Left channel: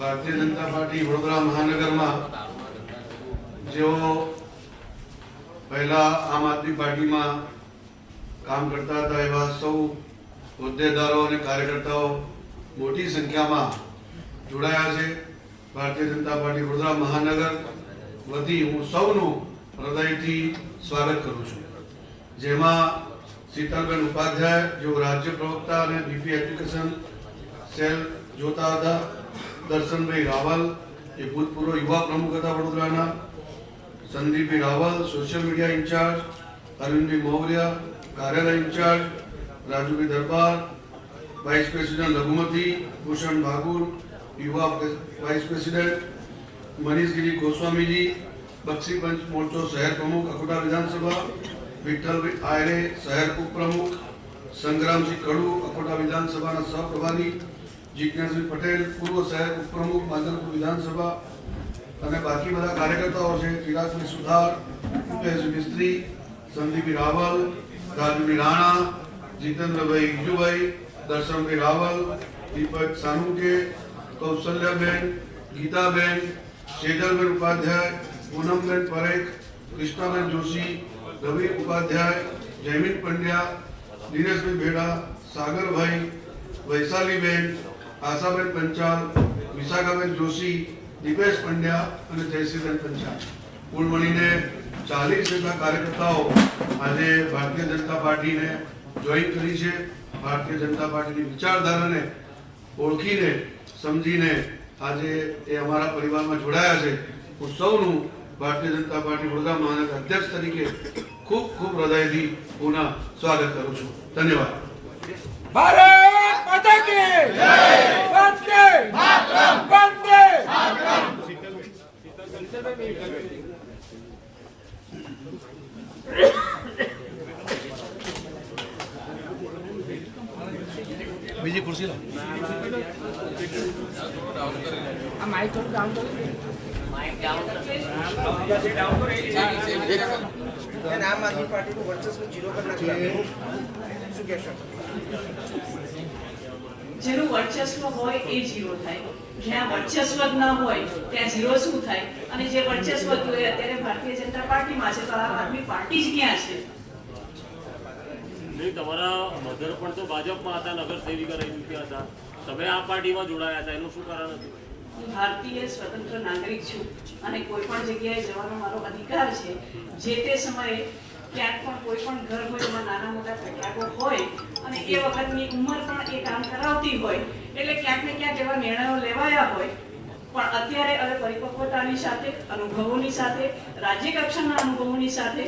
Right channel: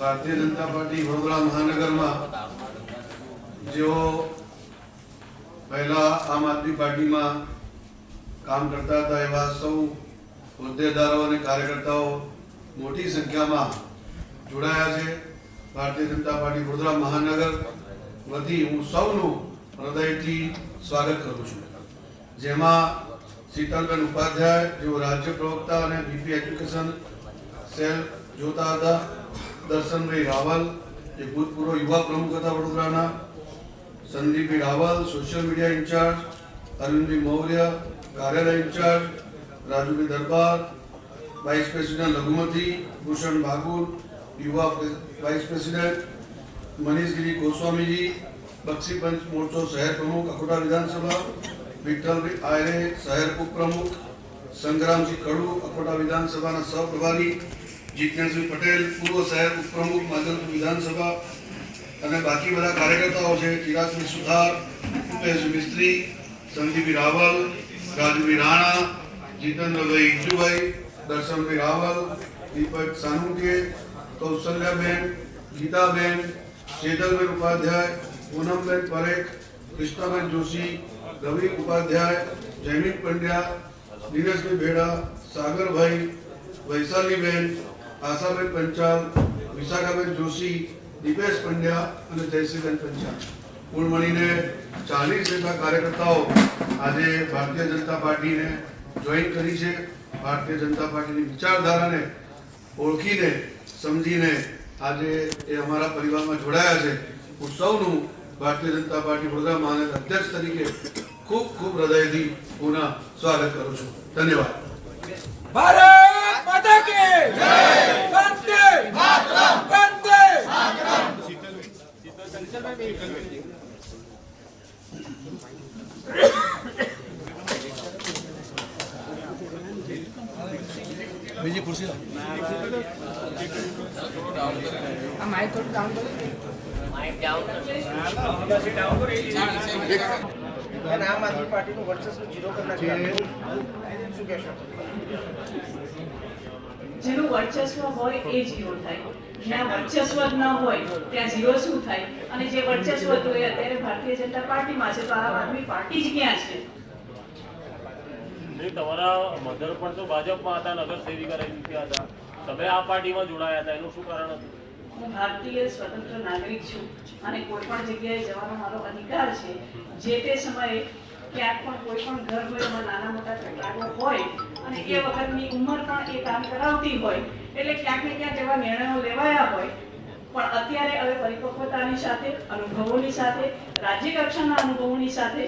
Bharatiya Janata party Vadodara મહાનગરમાં જેઓ પહેલા આમ આદમી પાર્ટીમાં કામ કરતા હતા એવા સૌ હોદ્દેદારો અને કાર્યકર્તાઓ મોટી સંખ્યામાં જોડાયા છે. ભારતીય જનતા પાર્ટી વડોદરા મહાનગર વતી હું સૌનું હૃદયથી સ્વાગત કરું છું. જેમાં શીતલબેન ઉપાધ્યાય જેઓ રાજ્ય પ્રવક્તા અને બીપી એજ્યુકેશન સેલ જોતા હતા, દર્શનભાઈ રાવલ જે ભૂતપૂર્વ યુવા પ્રમુખ હતા વડોદરાના, Sandipbhai Raval social media in charge, Arvindbhai Maurya કાર્યાલય in charge, Rajubhai Darbar vice president લઘુમતી, ભૂષણ બાગુલ યુવા વાઇસ પ્રેસિડેન્ટ, મનીષગીરી ગોસ્વામીજી બક્ષીપંચ મોરચો શહેર પ્રમુખ અકોટા વિધાનસભા, વિઠ્ઠલભાઈ આયરે શહેર ઉપપ્રમુખ, સંગ્રામસિંહ કડુ અકોટા વિધાનસભાના સહપ્રભારી, જીજ્ઞાસભાઈ પટેલ પૂર્વ શહેર ઉપપ્રમુખ માધવપુર વિધાનસભા અને બાકી બધા કાર્યકર્તાઓ છે. ચિરાગભાઈ સુથાર, ભૂપેશ મિસ્ત્રી, સંદીપભાઈ રાવલ, રાજુભાઈ રાણા, જીતેન્દ્રભાઈ ઇજુભાઈ, દર્શનભાઈ રાવલ, દીપક સાનુકે, કૌશલ્યાબેન, ગીતાબેન, સેજલબેન ઉપાધ્યાય, પૂનમબેન પરેખ, કૃષ્ણાબેન જોશી, રવિ ઉપાધ્યાય, જયમીન પંડ્યા, દિનેશભાઈ ભેડા, સાગરભાઈ, વૈશાલીબેન, આશાબેન પંચાલ, વિશાખાબેન જોશી, દીપેશ પંડ્યા અને જયશ્રીબેન પંચાલ કુલ મળીને 40 જેટલા કાર્યકર્તાઓ આજે ભારતીય જનતા પાર્ટીને જોઈન કરી છે. ભારતીય જનતા પાર્ટીની વિચારધારાને ઓળખીને સમજીને આજે એ અમારા પરિવારમાં જોડાયા છે. હું સૌનું ભારતીય જનતા પાર્ટી વડોદરા મહાનગર અધ્યક્ષ તરીકે ખૂબ ખૂબ હૃદયથી પુનઃ સ્વાગત કરું છું. ધન્યવાદ. ભારત માતા કી જય, વંદે માતરમ, વંદે માતરમ. બીજી ખુરશી લો. માઇક થોડું ડાઉન કરો. આમ આદમી પાર્ટીનું વર્ચસ્વ ઝીરો કરી નાખ્યું. શું કહેશો? જેનું વર્ચસ્વ હોય એ ઝીરો થાય, જ્યાં વર્ચસ્વ જ ન હોય ત્યાં ઝીરો શું થાય? અને જે વર્ચસ્વ હતું એ અત્યારે ભારતીય જનતા પાર્ટીમાં છે, તો આમ આદમી પાર્ટી જ ક્યાં છે? તમારા મધર પણ તો ભાજપમાં હતા, નગર સેવિકા રહી ચૂક્યા હતા, તમે આ પાર્ટીમાં જોડાયા હતા, એનું શું કારણ હતું? હું ભારતીય સ્વતંત્ર નાગરિક છું અને કોઈ પણ જગ્યાએ જવાનો મારો અધિકાર છે. જે તે સમયે ક્યાંક પણ કોઈ પણ ઘર હોય એમાં નાના મોટા તકરારો હોય અને એ વખતની ઉંમર પણ એ કામ કરાવતી હોય એટલે ક્યાંક ને ક્યાંક એવા નિર્ણયો લેવાયા હોય. પણ અત્યારે હવે પરિપક્વતાની સાથે, અનુભવોની સાથે, રાજ્ય કક્ષાના અનુભવોની સાથે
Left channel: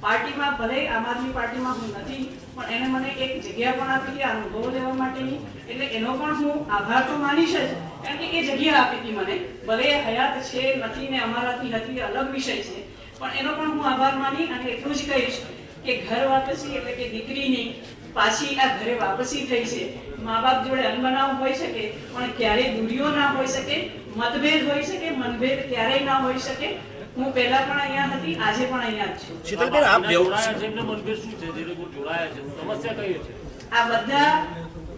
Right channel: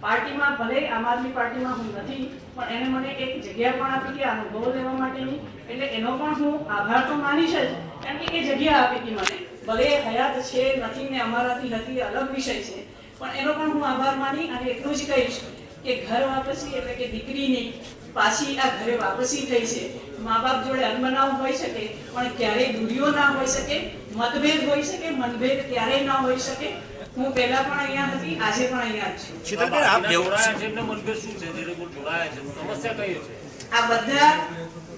પાર્ટીમાં, ભલે આમ આદમી પાર્ટીમાં હું નથી પણ એને મને એક જગ્યા પણ આપી હતી અનુભવો લેવા માટેની, એટલે એનો પણ હું આભાર તો માનીશ જ, કારણ કે એ જગ્યા આપી હતી મને. ભલે હયાત છે નથી ને અમારાથી હતી અલગ વિષય છે, પણ એનો પણ હું આભાર માની અને એટલું જ કહીશ કે ઘર વાપસી એટલે કે દીકરીની પાછી આ ઘરે વાપસી થઈ છે. મા બાપ જોડે અનબનાવ હોઈ શકે પણ ક્યારેય દૂરીઓ ના હોઈ શકે, મતભેદ હોઈ શકે, મતભેદ ક્યારેય ના હોઈ શકે. હું પહેલા પણ અહીંયા હતી, આજે પણ અહીંયા જ છું. સમસ્યા કઈ છે? આ બધા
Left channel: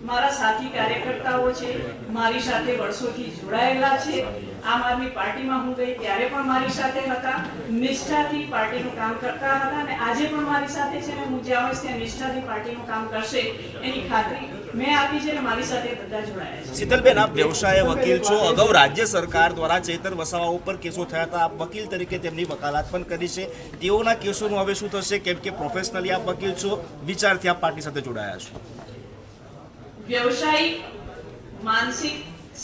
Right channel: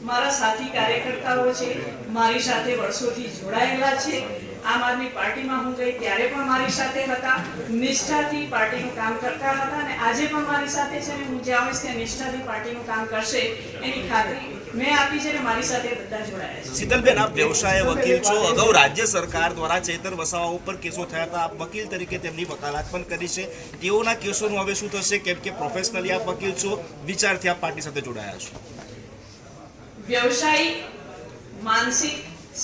મારા સાથી કાર્યકર્તાઓ છે, મારી સાથે વર્ષોથી જોડાયેલા છે. આમ આદમી પાર્ટીમાં હું ગઈ ત્યારે પણ મારી સાથે હતા, નિષ્ઠાથી પાર્ટીનું કામ કરતા હતા અને આજે પણ મારી સાથે છે ને હું જ્યાં હોઈશ ત્યાં નિષ્ઠાથી પાર્ટીનું કામ કરશે એની ખાતરી મેં આપી છે ને મારી સાથે બધા જોડાયા છે. શીતલબેન, આપ વ્યવસાય વકીલ છો. અગાઉ રાજ્ય સરકાર દ્વારા ચેતર વસાવા ઉપર કેસો થયા હતા, આપ વકીલ તરીકે તેમની વકાલત પણ કરી છે. તેઓના કેસોનું હવે શું થશે? કેમ કે પ્રોફેશનલી આપ વકીલ છો, વિચારથી આપ પાર્ટી સાથે જોડાયા છો. વ્યવસાયિક, માનસિક,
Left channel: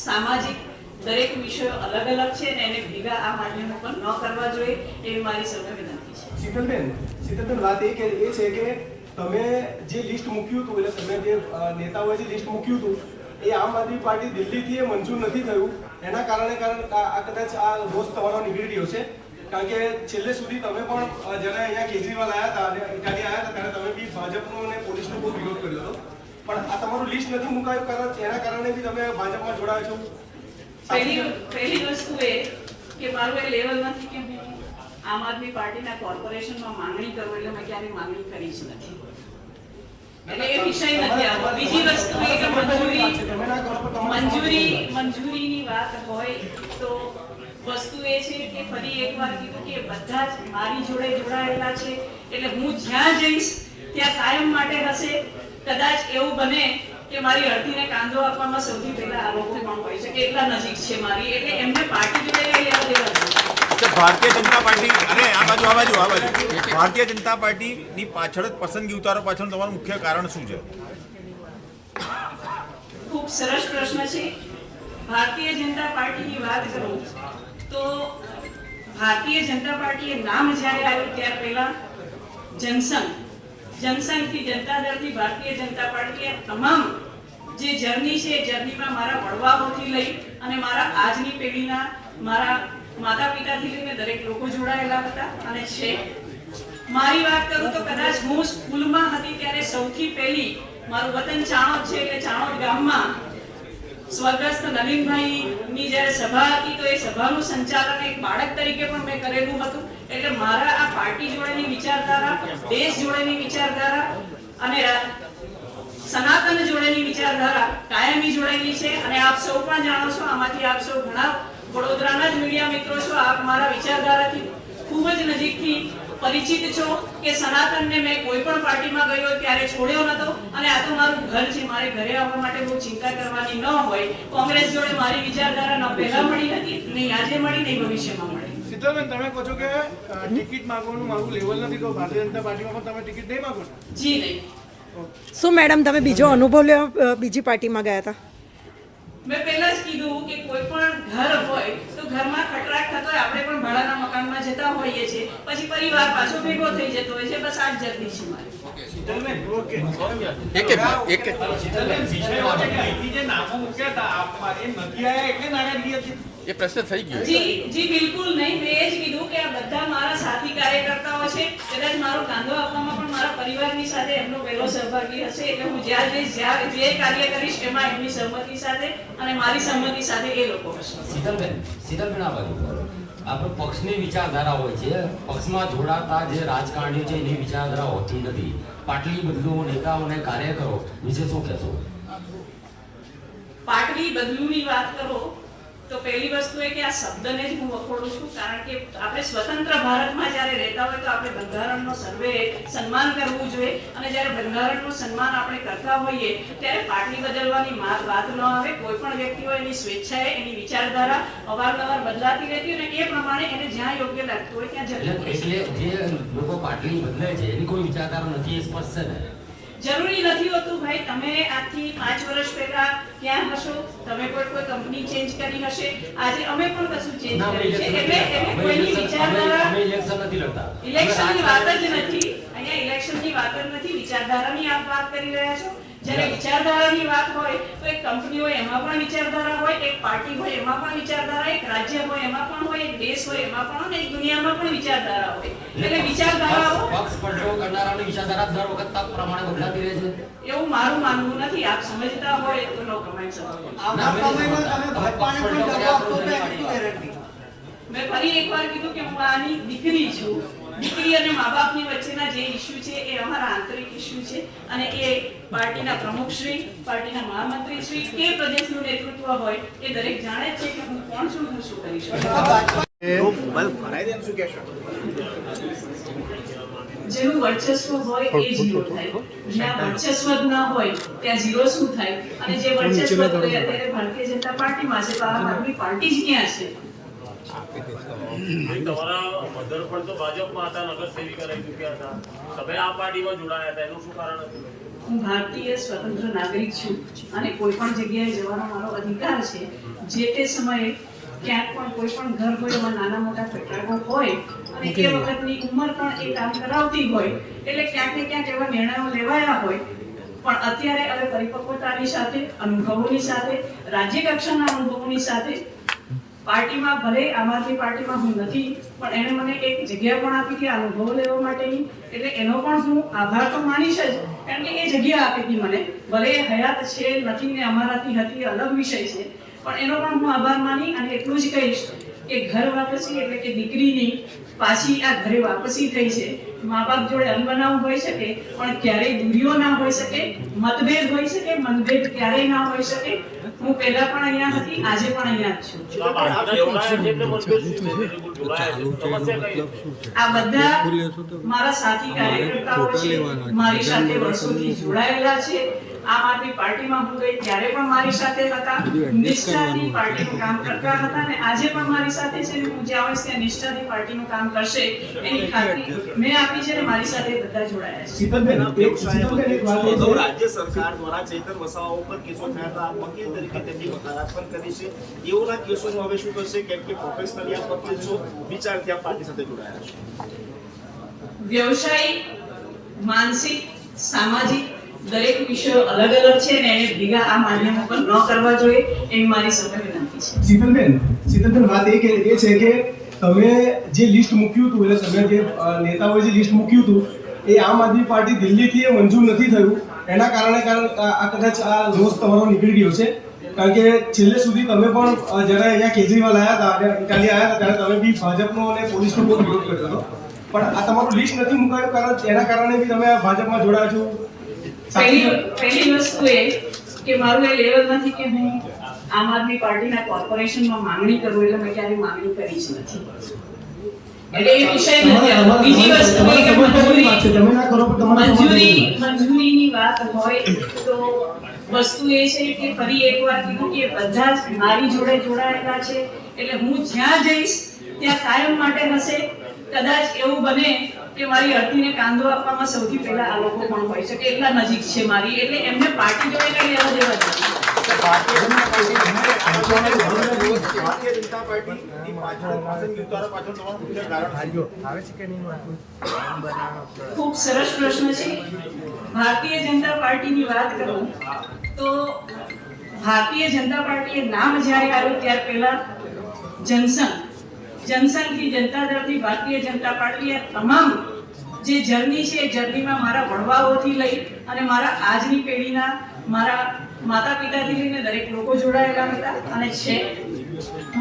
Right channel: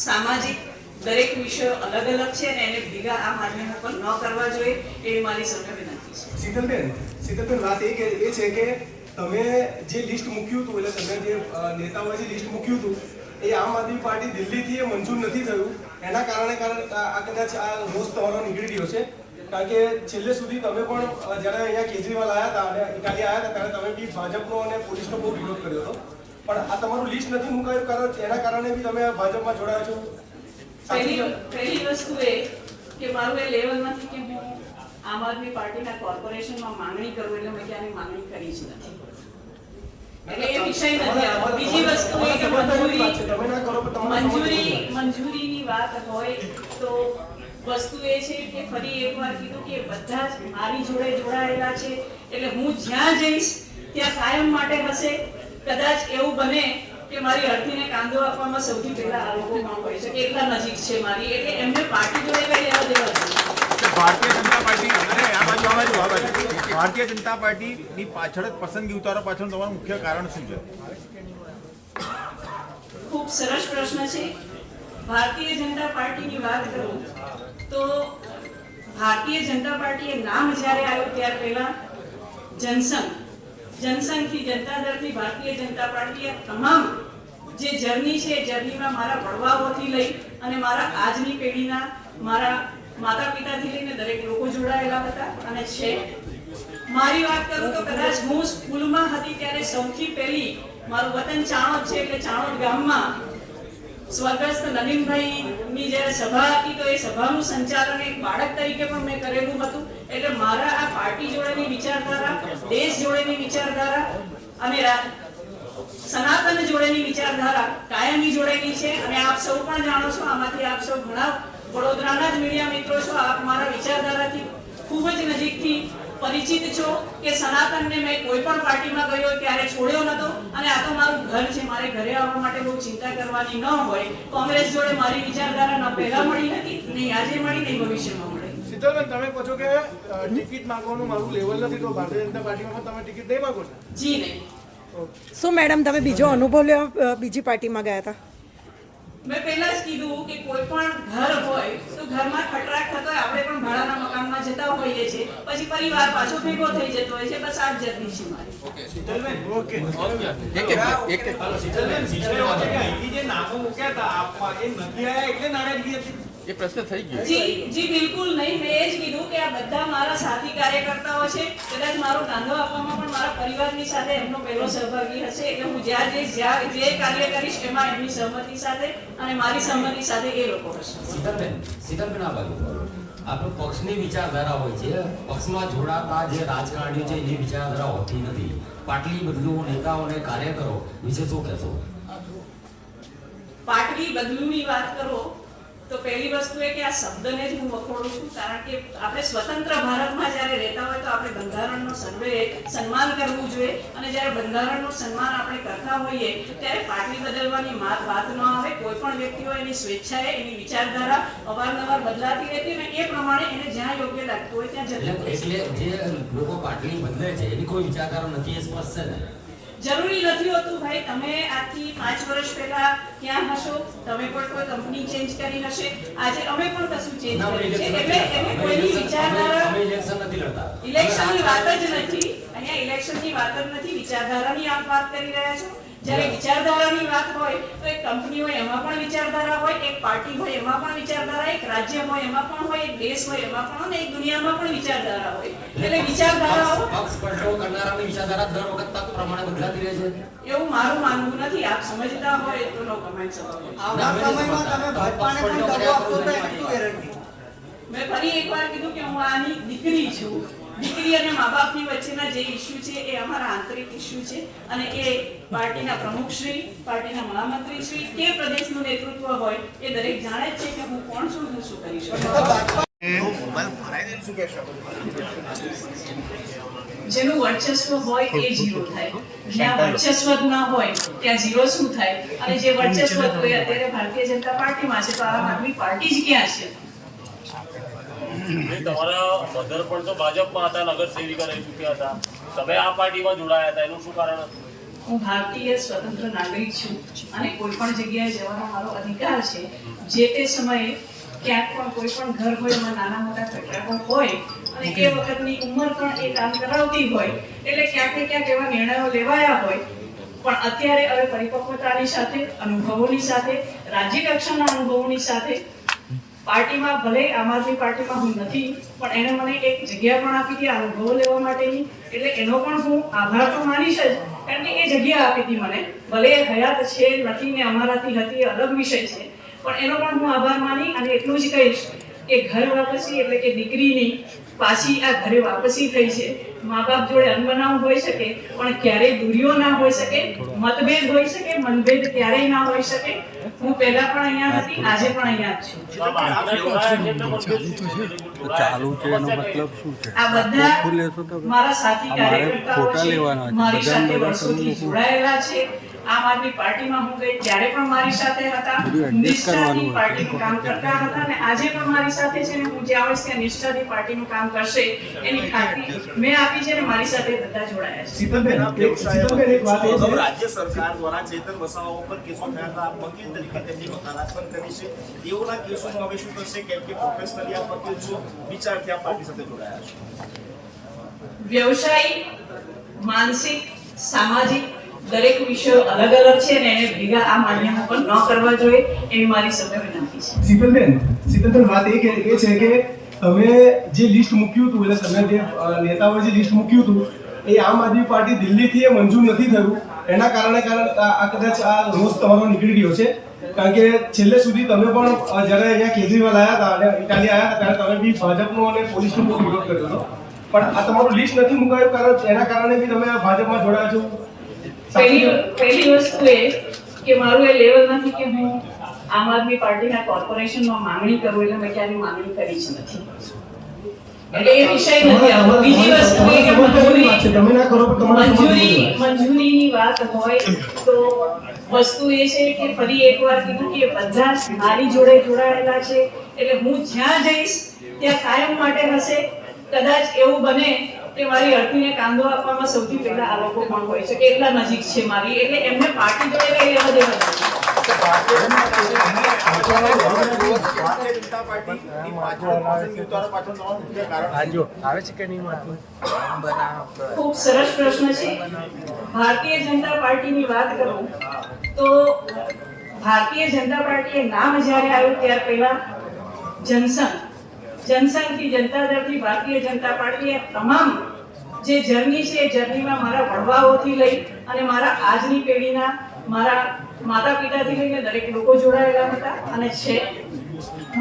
સામાજિક દરેક વિષયો અલગ અલગ છે અને એને ભેગા આ માધ્યમ ઉપર ન કરવા જોઈએ એવી મારી સૌને વિનંતી છે. શીતલબેન, વાત એ છે કે તમે જે લિસ્ટ મૂક્યું હતું, એટલે તમે જે નેતાઓએ જે લિસ્ટ મૂક્યું હતું એ આમ આદમી પાર્ટી દિલ્હીથી એ મંજૂર નથી થયું. એના કારણે આ કદાચ આ રોષ તમારો નીકળી ગયો છે. કારણ કે છેલ્લે સુધી તમે પણ જ્યારે અહીંયા કેજરીવાલ આવ્યા હતા અને ઇટાલી આવ્યા હતા ત્યારે તમે બી ભાજપનો અને પોલીસનો બહુ વિરોધ કર્યો હતો. પણ આ તમારું લિસ્ટ નથી મુકાયું, કારણ એના કારણે બી તમે ભાજપમાં જોડાયો છો. પહેલી વસ્તુ એ કે મારું એ લેવલ નથી કે હું આમ આદમી પાર્ટીના કોર્પોરેશનમાં માંગણી કરું, એટલે મેં ક્યારેય માંગણી કરી જ નથી. એટલે એ વિષય નથી આવતો. બીજી વસ્તુ એ કે તમે ના કરો પણ તમારે મંજૂરીની વાત હોય તો વસ્તુ એ છે કે ફરી એકવાર કીધું કે બધા જ મારી જોડે જોડાયેલા છે, એટલે હું જ્યાં જઈશ ત્યાં કાયમ માટે હશે. કદાચ એવું બને કે મારી અડધીને કાંદો આપવામાં સૌથી પહેલા આ લોકો પણ હોય છે કે એટલા નજીક છે મારી, એટલે એમને પાર્ટી જોડે કઈ લેવા દેવા નથી. ભારતીય જનતા પાર્ટી અને આ બાજુ ભારતીય જનતા પાર્ટીની પાછળ જ પસંદગી ઉતારો પાછળ તમારું મુખ્ય કારણ શું છે? ખૂબ સરસ પ્રશ્ન છે. ભારતીય જનતા પાર્ટીની વાત કરું તો ભારતીય જનતા પાર્ટીએ નામ જ્યારે આવ્યું ત્યાર પહેલા જનસંઘથી જનતા દળથી ભારતીય જનતા પાર્ટીએ તમામ જે જર્ની છે એ જર્નીમાં મારા વડવાઓથી લઈ અને મારા આજની પેઢીના મારા માતા પિતાથી લઈને દરેક લોકો જોડાયેલા હતા અને છે. મારી વાત કરું તો કદાચ હું સ્કૂલમાં હતી ત્યારે સૌથી પહેલી મારું વતન ચાણોદ છે, એટલે ચાણોદ ગામમાં સ્વર્ગસ્થ નલિનભાઈની જ્યારે સભા હતી તો એ સભાનું સંચાલન એક બાળક તરીકે પણ મેં કરેલું હતું. એટલે મારા આ પાર્ટી જોડેની વિચારધારા, દેશ જોડેની વિચારધારા અને સનાતન જોડેની વિચારધારા કાયમી જોડેલી છે. અને આપ સૌ પણ જાણો છો, આમાંથી આપ સૌ ઘણા વડોદરાના જ મીડિયા મિત્રો છો, આપ મારા વિચારધારાથી ખૂબ જ નજીકથી પરિચિત છો કે સનાતનને મેં કોઈ પણ પાર્ટીમાં ગયો ત્યારે છોડ્યો નતો. અને આ તો મારું ઘર છે, મારે ઘરે આવવા માટે બહુ ચિંતા કરવાની ન હોય. કોંગ્રેસ જોડે મારી વિચારધારા ન પહેલા મળી હતી, નહીં આજે મળી, નહીં ભવિષ્યમાં મળે. શીતલબેન, તમે કહો છો કે ટિકિટ માંગવાનું મારું લેવલ નથી, તો ભારતીય જનતા પાર્ટીમાં પણ તમે ટિકિટ નહીં માંગો છો? જી નહીં. શું મેડમ તમે બીજો અનુભવ લેવા બીજી પાર્ટીમાં ગયા હતા? મેં પહેલા જ કીધું કે કોઈ પણ ઘર હોય તો ઘરમાં ખટરાક થતો હોય, આપણે પણ ભાડાના મકાનમાં જતા હોઈએ છીએ, પછી પરિવાર પાછો ભેગો થઈ જતો હોય છે. બસ આ જ જર્ની છે મારી. શીતલબેન, અહીંથી જે નામો મૂક્યા હતા આપમાં એ નથી આવ્યા એટલે નારાજગી હતી? એ પ્રશ્ન થઈ ગયો. જી બિલકુલ નહીં. મેં એ જ કીધું કે આ બધા મારા સાથી કાર્યકર્તાઓ છે. કદાચ મારો કાંદો આપવામાં પણ મારા પરિવારની સાથે એમનો પહેલો સહભાગી હશે. એટલે હું જ્યાં જઈશ, જે કાર્ય કરીશ એમાં એમની સહમતિ સાથે અને મારી સહમતિ સાથે એ લોકો હશે. શીતલબેન આ બાજુ આપણે પક્ષની વિચારધારા હોય છે, પક્ષમાં જોડાતા જે રાજકારણીઓ છે એની વિચારધારા હોતી નથી. પાટલી બદલુઓ નેતાઓ અને કાર્યકરો વિશે શું કહેશો? પાટલી બદલુની વાત કરો તો પહેલી વસ્તુ એ કે આ શબ્દને જ હું વખોડું છું. કારણ કે આપણે સ્વતંત્ર ભારતમાં જ્યારે રહેતા હોય તો આપણે બંધારણનો સર્વે સન્માન કરવું જોઈએ. અને જ્યારે બંધારણનું સન્માન આપણે કરતા હોઈએ ત્યારે પાટલી બદલવાની વાત ન આવે. કોઈ પણ વ્યક્તિ હોય એની સ્વેચ્છાએ એની વિચારધારા અવારનવાર બદલાતી રહેતી હોય અને એ પ્રમાણે એને જ્યાં યોગ્ય લાગતું હોય ત્યાં જતું હોય. એટલે જે લોકો પાટલી બદલે છે એની કોઈ વિચારધારા નથી, એ સ્પષ્ટ છે ને? જરૂરી નથી હોતું ભાઈ. તમે આજથી 5 વર્ષ પહેલા ક્યાં હશો, તમે કોઈ કંપની ચેન્જ કરી હશે, આજે અમે પણ કશું ચેન્જ કર્યું છે. એટલે કોઈની વિચારધારા, ઇલેક્શન નથી લડતા, ઇલેક્શનની વાત જ નથી અહીંયા. ઇલેક્શનની વાત જ નથી, વિચારધારાની આપ વાત કરી રહ્યા છો. જ્યારે વિચારધારાની વાત હોય તો એક કંપની હોય એમાં પણ વિચારધારા હોય, એક પાર્ટી હોય એમાં પણ વિચારધારા, એક રાજ્ય હોય એમાં પણ હોય, એક દેશ હોય એમાં પણ હોય, એક દુનિયામાં પણ વિચારધારા હોય. એટલે વિચારધારાઓ પક્ષ કંટ્રોલ કરનારાની વિચારધારા દર વખત તક પ્રમાણે બદલાતી રહે છે એવું મારું માનવું નથી. આપ સમજતા હોય તો નો કમેન્ટ શકો. મેં ફરી એકવાર કીધું કે હું આની દીકરી છું. દીકરી અને મા બાપની વચ્ચેના જે ઇસ્યુ છે એ અમારા આંતરિક ઇસ્યુ છે. અને એ પાર્ટીના પ્રમુખશ્રી, પાર્ટીના મહામંત્રીશ્રી કે પ્રદેશનું નેતૃત્વ હોય એ દરેક જાણે જ છે કે હું કોણ છું, હું શું કરી શકું. જેનું વર્ચસ્વ હોય એ ઝીરો થાય, જ્યાં વર્ચસ્વ જ ના હોય ત્યાં ઝીરો શું થાય? અને જે વર્ચસ્વ હોય અત્યારે ભારતીય જનતા પાર્ટીમાં છે તો આમ આદમી પાર્ટી જ ક્યાં છે? તમારા મધર પણ તો ભાજપમાં હતા, નગર સેવિકા રહી ચૂક્યા હતા, તમે આ પાર્ટીમાં જોડાયા હતા, એનું શું કારણ હતું? હું ભારતીય સ્વતંત્ર નાગરિક છું અને કોઈ પણ જગ્યાએ જવાનો મારો અધિકાર છે. જે તે સમયે ક્યાંક પણ કોઈ પણ ઘર હોય એમાં નાના મોટા ખટરાકો હોય અને એ વખતની ઉંમર પણ એ કામ કરાવતી હોય એટલે ક્યાંક ને ક્યાંક એવા નિર્ણયો લેવાયા હોય. પણ અત્યારે હવે પરિપક્વતાની સાથે, અનુભવોની સાથે, રાજ્ય કક્ષાના અનુભવોની સાથે પાર્ટીમાં, ભલે આમ આદમી પાર્ટીમાં હું નથી પણ એને મને એક જગ્યા પણ આપી હતી અનુભવો લેવા માટેની. એટલે એનો પણ હું આભાર તો માનીશ જ, કારણ કે એ જગ્યા આપી હતી મને. ભલે હયાત છે નથી ને અમારાથી હતી અલગ વિષય છે, પણ એનો પણ હું આભાર માની અને એટલું જ કહીશ કે ઘર વાપસી એટલે કે દીકરીની પાછી આ ઘરે વાપસી થઈ છે. મા બાપ જોડે અનબનાવ હોઈ શકે પણ ક્યારેય દૂરીઓ ના હોઈ શકે, મતભેદ હોઈ શકે, મનભેદ ક્યારેય ના હોઈ શકે. હું પહેલા પણ અહીંયા હતી, આજે પણ અહીંયા જ છું. આ બધા મારા સાથી કાર્યકર્તાઓ છે, મારી સાથે વર્ષોથી જોડાયેલા છે. આમ આદમી પાર્ટીમાં હું ગઈ ત્યારે પણ મારી સાથે હતા, નિષ્ઠાથી પાર્ટીનું કામ કરતા હતા અને આજે પણ મારી સાથે છે. હું જ્યાં હોઈશ ત્યાં નિષ્ઠાથી પાર્ટીનું કામ કરશે એની ખાતરી મેં આપી છે અને મારી સાથે બધા જોડાયા છે. શીતલબેન, એક વાત એ અગાઉ છે રાજ્ય સરકાર દ્વારા ચેતર વસાવા ઉપર કેસો થયા હતા. આપ વકીલ તરીકે તેમની વકાલત પણ કરી છે. તેઓના કેસોનું હવે શું થશે? કેમ કે પ્રોફેશનલી આપ વકીલ છો, વિચારથી આપ પાર્ટી સાથે જોડાયા છો. વ્યવસાયિક, માનસિક, સામાજિક દરેક વિષયો અલગ અલગ છે અને એને ભેગા આ માન્યમાં પણ ન કરવા જોઈએ એવી મારી સૌને વિનંતી છે. શીતલબેન, વાત એ છે કે તમે જે લિસ્ટ મૂક્યું હતું એટલે તમે જે નેતાઓએ જે લિસ્ટ મૂક્યું હતું એ આમ આદમી પાર્ટી દિલ્હીથી એ મંજૂર નથી થયું. એના કારણે આ કદાચ આ રોષ તમારો નીકળી ગયો છે. કારણ કે છેલ્લે સુધી તમે પણ જ્યારે અહીંયા કેજરીવાલ આવ્યા હતા અને ઇટાલી આવ્યા હતા ત્યારે તમે બી ભાજપનો અને પોલીસનો બહુ વિરોધ કર્યો હતો. પણ આ તમારું લિસ્ટ નથી મુકાયું કારણ એના કારણે બી તમે ભાજપમાં જોડાયા છો. પહેલી વસ્તુ એ કે મારું એ લેવલ નથી કે હું આમ આદમી પાર્ટીના કોર્પોરેશનમાં માંગણી કરું એટલે મેં ક્યાંની માંગણી કરી જ નથી. એટલે એ વિષય નથી. બીજી વસ્તુ એ કે મંજૂરીની વાત હોય તો વસ્તુ એ છે કે ફરી એકવાર કીધું કે બધા જ મારી જોડે જોડાયેલા છે એટલે હું જ્યાં જઈશ ત્યાં કાયમ માટે હશે. કદાચ એવું બને કે મારી અર્થીને કાંદો આપવામાં સૌથી પહેલા આ લોકો પણ હોય શકે એટલા નજીક છે મારી, એટલે એમને પાર્ટી જોડે કઈ એવા જેવા નથી. ખૂબ સરસ પ્રશ્ન છે. ભારતીય જનતા પાર્ટીની વાત કરું તો ભારતીય જનતા પાર્ટીએ નામ જ્યારે આવ્યું ત્યાર પહેલા જનસંઘથી જનતા દળથી ભારતીય જનતા પાર્ટીએ તમામ જે જર્ની છે એ જર્નીમાં મારા વડવાઓથી લઈ અને મારા આજની પેઢીના મારા માતા પિતાથી લઈને દરેક લોકો જોડાયેલા હતા અને છે.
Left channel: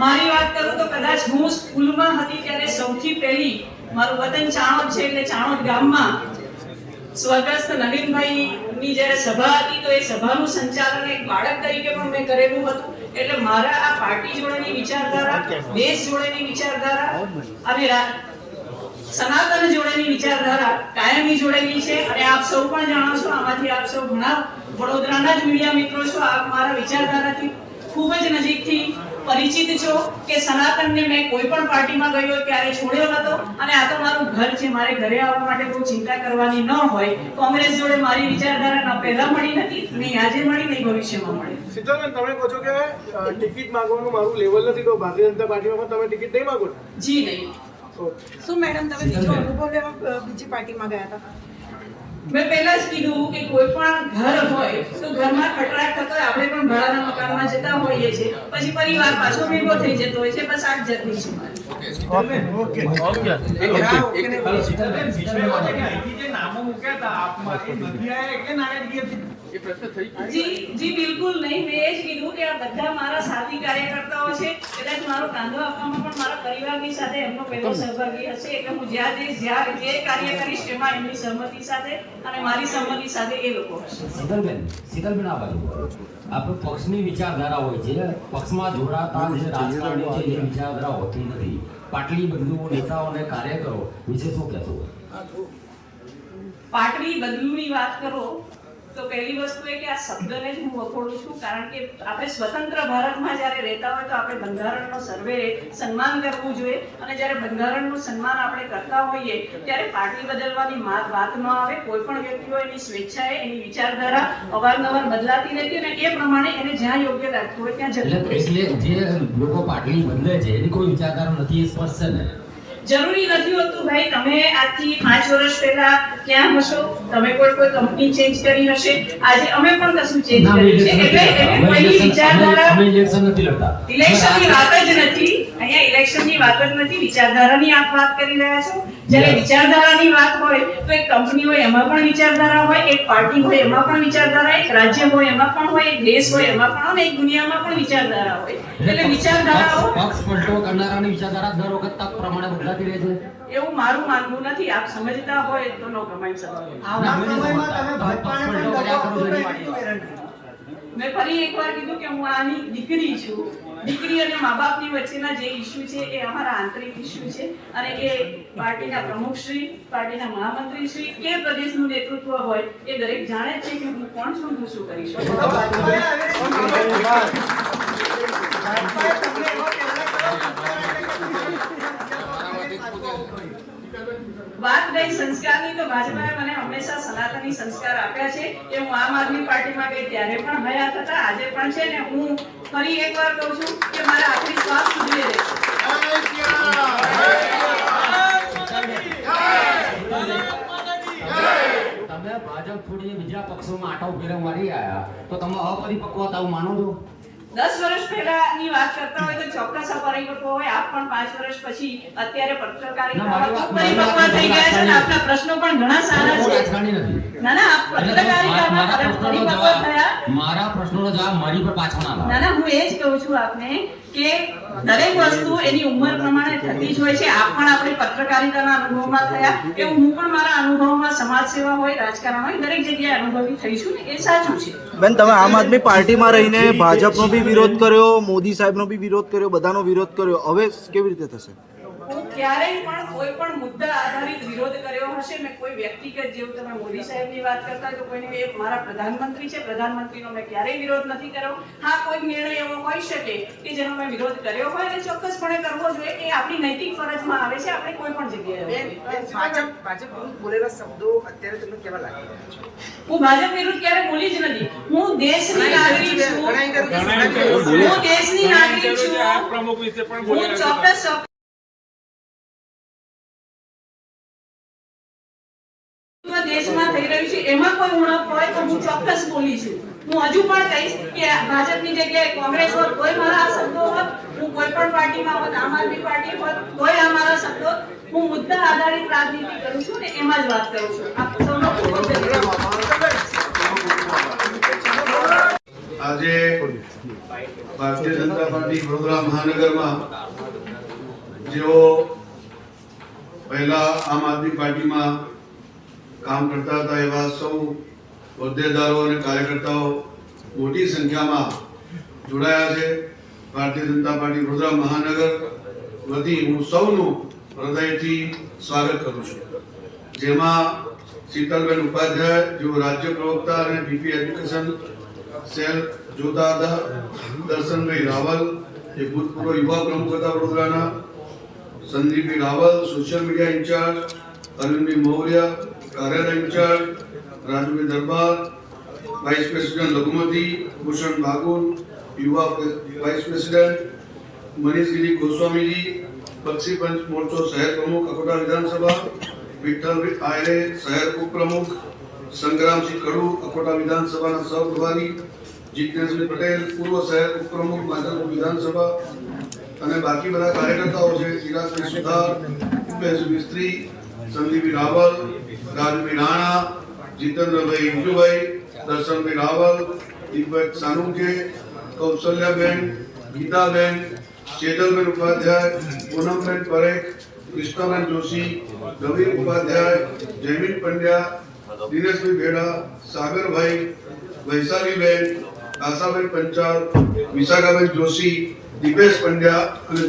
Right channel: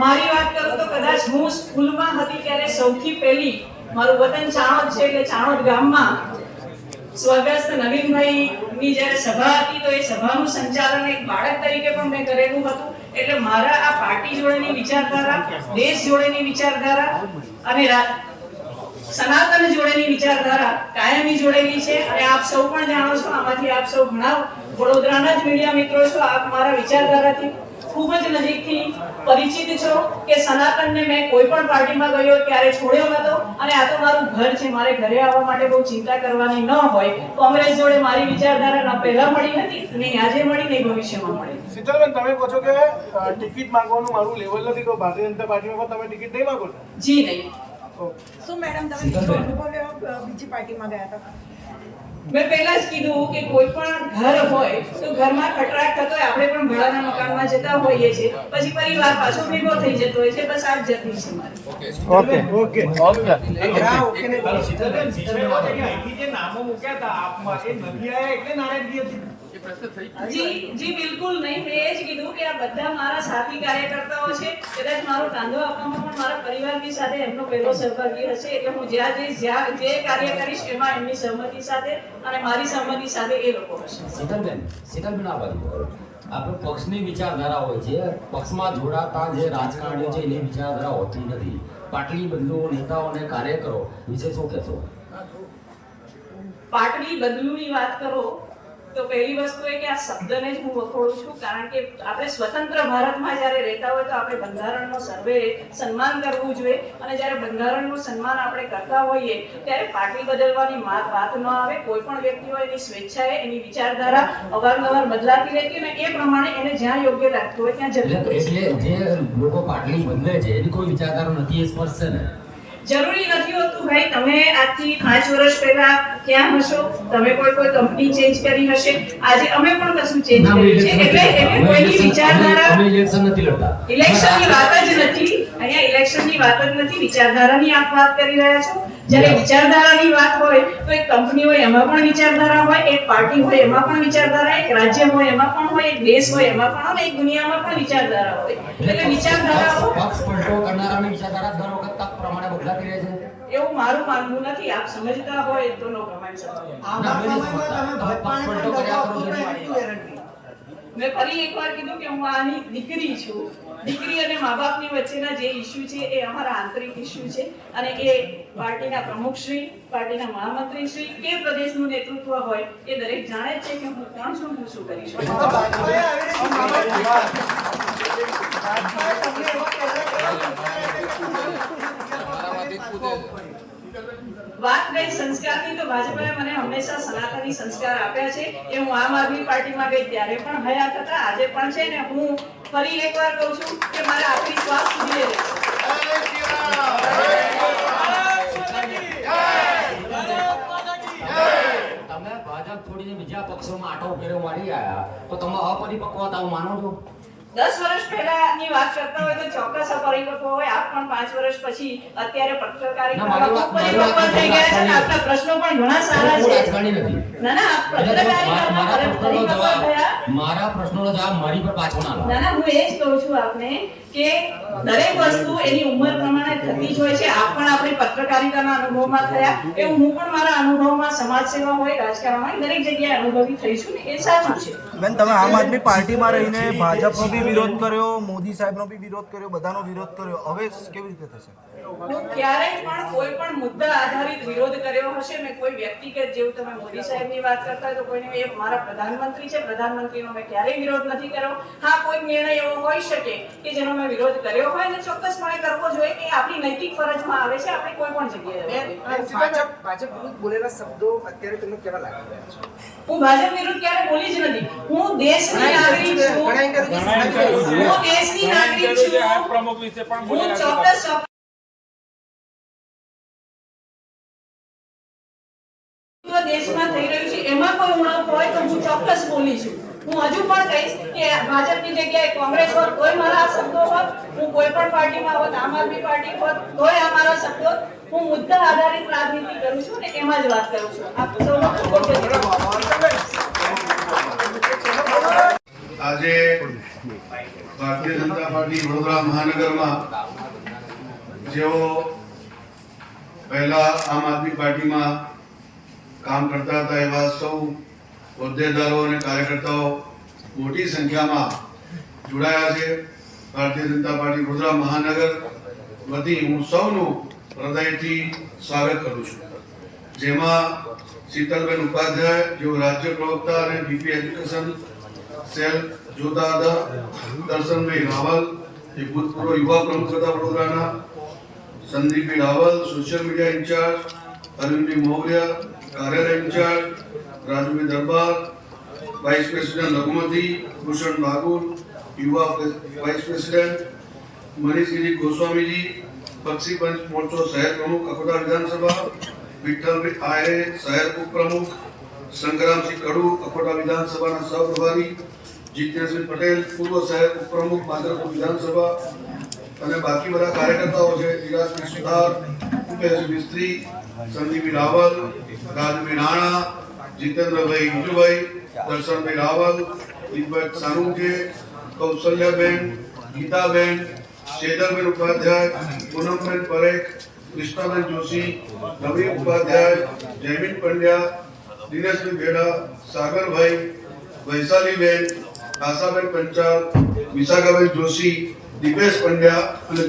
મારી વાત કરું તો કદાચ હું સ્કૂલમાં હતી ત્યારે સૌથી પહેલી મારું વતન ચાણોદ છે એટલે ચાણોદ ગામમાં સ્વર્ગસ્થ નવીનભાઈની જ્યારે સભા હતી તો એ સભાનું સંચાલન એક બાળક તરીકે પણ મેં કરેલું હતું. એટલે મારા આ પાર્ટી જોડેની વિચારધારા, દેશ જોડેની વિચારધારા અને સનાતન જોડેની વિચારધારા કાયમી જોડેલી છે. અને આપ સૌ પણ જાણો છો, આમાંથી આપ સૌ ઘણા વડોદરાના જ મીડિયા મિત્રો છો, આપ મારા વિચારધારાથી ખૂબ જ નજીકથી પરિચિત છો કે સનાતનને મેં કોઈ પણ પાર્ટીમાં ગયો ત્યારે છોડ્યો હતો અને આ તો મારું ઘર છે. મારે ઘરે આવવા માટે બહુ ચિંતા કરવાની ન હોય. કોંગ્રેસ જોડે મારી વિચારધારા ન પહેલા મળી નથી, નહીં આજે મળી, નહીં ભવિષ્યમાં મળે. શીતલબેન, તમે કહો છો કે ટિકિટ માંગવાનું મારું લેવલ નથી તો ભારતીય જનતા પાર્ટીમાં તમે ટિકિટ નહીં માંગો? જી નહીં. શું મેડમ તમે બીજો અનુભવ લેવા બીજી પાર્ટીમાં ગયા હતા? મેં પહેલા જ કીધું કે કોઈ પણ ઘર હોય તો ઘરમાં ખટરાટ થતો હોય, આપણે પણ ભાડાના મકાનમાં જતા હોઈએ છીએ, પછી પરિવાર પાછો ભેગો થઈ જતો હોય છે. બસ આ જ જર્ની છે મારી. જી બિલકુલ નહીં. મેં એ જ કીધું કે આ બધા મારા સાથી કાર્યકર્તાઓ છે. કદાચ મારો કાંદો આપવામાં પણ મારા પરિવારની સાથે એમનો પહેલો સહભાગી હશે. એટલે હું જ્યાં જઈશ, જ્યાં જે કાર્ય કરીશ એમાં એમની સહમતિ સાથે અને મારી સહમતિ સાથે એ લોકો હશે. શીતલબેન, આ બાજુ આપણે પક્ષની વિચારધારા હોય છે, પક્ષમાં જોડાતા જે રાજકારણીઓ છે એની વિચારધારા હોતી નથી. પાટલી બંધુઓ, નેતાઓ અને કાર્યકરો વિશે શું કહેશો? પાટલી બદલુની વાત કરો તો પહેલી વસ્તુ એ કે આ શબ્દને જ હું વખોડું છું. કારણ કે આપણે સ્વતંત્ર ભારતમાં જ્યારે રહેતા હોય તો આપણે બંધારણનો સર્વે સન્માન કરવું જોઈએ અને જ્યારે બંધારણનું સન્માન આપણે કરતા હોઈએ ત્યારે પાર્ટી બદલવાની વાત ન આવે. કોઈ પણ વ્યક્તિ હોય એની સ્વેચ્છાએ એની વિચારધારા અવારનવાર બદલાતી રહેતી અને એ પ્રમાણે એને જ્યાં યોગ્ય લાગતું હોય ત્યાં જતું. એટલે જે લોકો પાટલી બદલે છે એની કોઈ વિચારધારા નથી એ સ્પષ્ટ છે ને? જરૂરી નથી હોતું ભાઈ. તમે આજથી 5 વર્ષ પહેલા ક્યાં હશો? તમે કોઈ કંપની ચેન્જ કરી હશે. આજે અમે પણ કશું ચેન્જ કર્યું છે. એટલે કોઈની વિચારધારા અમે ઇલેક્શન નથી લડતા. ઇલેક્શનની વાત જ નથી. અહીંયા ઇલેક્શનની વાત જ નથી, વિચારધારાની આપ વાત કરી રહ્યા છો. જ્યારે વિચારધારાની વાત હોય તો એક કંપની હોય એમાં પણ વિચારધારા હોય, એક પાર્ટી હોય એમાં પણ વિચારધારા, એક રાજ્ય હોય એમાં પણ હોય, એક દેશ હોય એમાં પણ, અને એક દુનિયામાં પણ વિચારધારા હોય. એટલે વિચારધારાઓ પક્ષ પલટો કરનારાની વિચારધારા દર વખત તક પ્રમાણે બદલાતી રહે છે. એવું મારું માનવું નથી. આપ સમજતા હોય તો નો કમેન્ટ સર. મેં ફરી એકવાર કીધું કે હું આની દીકરી છું. દીકરી અને મા બાપની વચ્ચેના જે ઇસ્યુ છે એ અમારા આંતરિક ઇસ્યુ છે, અને એ પાર્ટીના પ્રમુખશ્રી, પાર્ટીના મહામંત્રીશ્રી કે પ્રદેશનું નેતૃત્વ હોય એ દરેક જાણે જ છે કે હું કોણ છું, હું શું કરી શકું. વાત નહીં સંસ્કારની, તો ભાજપે મને હંમેશા સનાતની સંસ્કાર આપ્યા છે. એ હું આમ આદમી પાર્ટીમાં ગઈ ત્યારે પણ હયાત હતા, આજે પણ છે, ને હું ફરી એકવાર કહું છું કે મારા આખરી શ્વાસ સુધી રહેશે. તમે ભાજપ છોડી બીજા પક્ષોમાં આટો ફેરો મારી આયા તો તમે અપરિપક્વતાઓ માનો છો? 10 વર્ષ પહેલાની વાત કરતા હોય તો ચોક્કસ અપરિપક્વ હોય. આપ પણ 5 વર્ષ પછી અત્યારે પત્રકારિતામાં પરિપક્વ થઈ ગયા છે, અને આપના પ્રશ્નો પણ ઘણા સારા છે. રાજકારણી નથી. ના ના, આપ પત્રકારિતામાં પરિપક્વ થયા. મારા પ્રશ્નોનો જવાબ મારી પર પાછો ના લાવો. ના ના, હું એ જ કહું છું આપને કે દરેક વસ્તુ એની ઉંમર પ્રમાણે થતી જ હોય છે. આપ પણ આપણી પત્રકારિતાના અનુભવમાં થયા, એવું હું પણ મારા અનુભવમાં સમાજ સેવા હોય, રાજકારણ હોય, દરેક જગ્યાએ અનુભવી થઈશું, ને એ સાચું છે. બેન, તમે આમ આદમી પાર્ટીમાં રહીને ભાજપનો બી વિરોધ કર્યો, મોદી સાહેબનો બી વિરોધ કર્યો, બધાનો વિરોધ કર્યો, હવે કેવી રીતે થશે? હું ક્યારેય પણ કોઈ પણ મુદ્દા આધારિત વિરોધ કર્યો હશે. મેં કોઈ વ્યક્તિગત, જેવું તમે મોદી સાહેબની વાત કરતા હોય તો કોઈને, એ મારા પ્રધાનમંત્રી છે, પ્રધાનમંત્રીનો મેં ક્યારેય વિરોધ નથી કર્યો. હા, કોઈ નિર્ણય એવો હોઈ શકે કે જેનો મેં વિરોધ કર્યો હોય, અને ચોક્કસપણે કરવો જોઈએ, કે આપણી નૈતિક ફરજમાં આવે છે. આપણે કોઈ પણ જગ્યાએ ભાજપ વિરુદ્ધ બોલેલા શબ્દો અત્યારે તમને કેવા લાગી રહ્યા છે? હું ભાજપ વિરુદ્ધ ક્યારે બોલી જ નથી. હું દેશની નાગરિક છું. હું દેશની નાગરિક છું. હું ચોક્કસ દેશમાં થઈ રહ્યું છે એમાં કોઈ ઉણપ હોય તો હું ચોક્કસ બોલી છું. હું હજુ પણ કહીશ કે ભાજપની જગ્યાએ કોંગ્રેસ હોત, કોઈ મારા શબ્દો હોત, હું કોઈ પણ પાર્ટીમાં હોત, આમ આદમી પાર્ટી હોત, તોય અમારા શબ્દો, હું મુદ્દા આધારિત રાજનીતિ કરું છું, ને એમાં જ વાત કરું છું. આપ સૌનો ખૂબ ખૂબ ધન્યવાદ. આજે ભારતીય જનતા પાર્ટી વડોદરા મહાનગરમાં જેઓ પહેલા આમ આદમી પાર્ટીમાં કામ કરતા હતા એવા સૌ હોદ્દેદારો અને કાર્યકર્તાઓ મોટી સંખ્યામાં જોડાયા છે. ભારતીય જનતા પાર્ટી વડોદરા મહાનગર વતી હું સૌનું હૃદયથી સ્વાગત કરું છું. જેમાં શીતલબેન ઉપાધ્યાય, જેઓ રાજ્ય પ્રવક્તા અને ડીપી એજ્યુકેશન સેલ જોતા હતા, દર્શનભાઈ રાવલ, જે ભૂતપૂર્વ યુવા પ્રમુખ હતા વડોદરાના, Sandipbhai Raval, social media in charge, Arvindbhai Mogaria, કાર્યાલય in charge, Rajubhai Darbar, vice president લઘુમતી, ભૂષણ બાગુલ, યુવા વાઇસ પ્રેસિડેન્ટ, મનીષગીરી ગોસ્વામીજી, પક્ષી પંચ મોરચો શહેર પ્રમુખ અકોટા વિધાનસભા, વિઠ્ઠલભાઈ આયરે શહેર ઉપપ્રમુખ, સંગ્રામસિંહ કડુ અકોટા વિધાનસભાના સહપ્રભારી, જીતેન્દ્રસિંહ પટેલ પૂર્વ શહેર ઉપપ્રમુખ માધરપુર વિધાનસભા, અને બાકી બધા કાર્યકર્તાઓ છે. ધીરાજભાઈ સુથાર, ઉપેન્દ્ર મિસ્ત્રી, સંદીપભાઈ રાવલ, રાજભાઈ રાણા, જીતેન્દ્રભાઈ વિજુભાઈ, દર્શનભાઈ રાવલ, દીપક સાનુકે, કૌશલ્યાબેન, ગીતાબેન, શેતલબેન ઉપાધ્યાય, પૂનમબેન પરેખ, કૃષ્ણાબેન જોશી, નવીન ઉપાધ્યાય, જયમીન પંડ્યા, દિનેશભાઈ ભેડા, સાગરભાઈ, વૈશાલીબેન, આશાબેન પંચાલ, વિશાખાબેન જોશી, દીપેશ પંડ્યા અને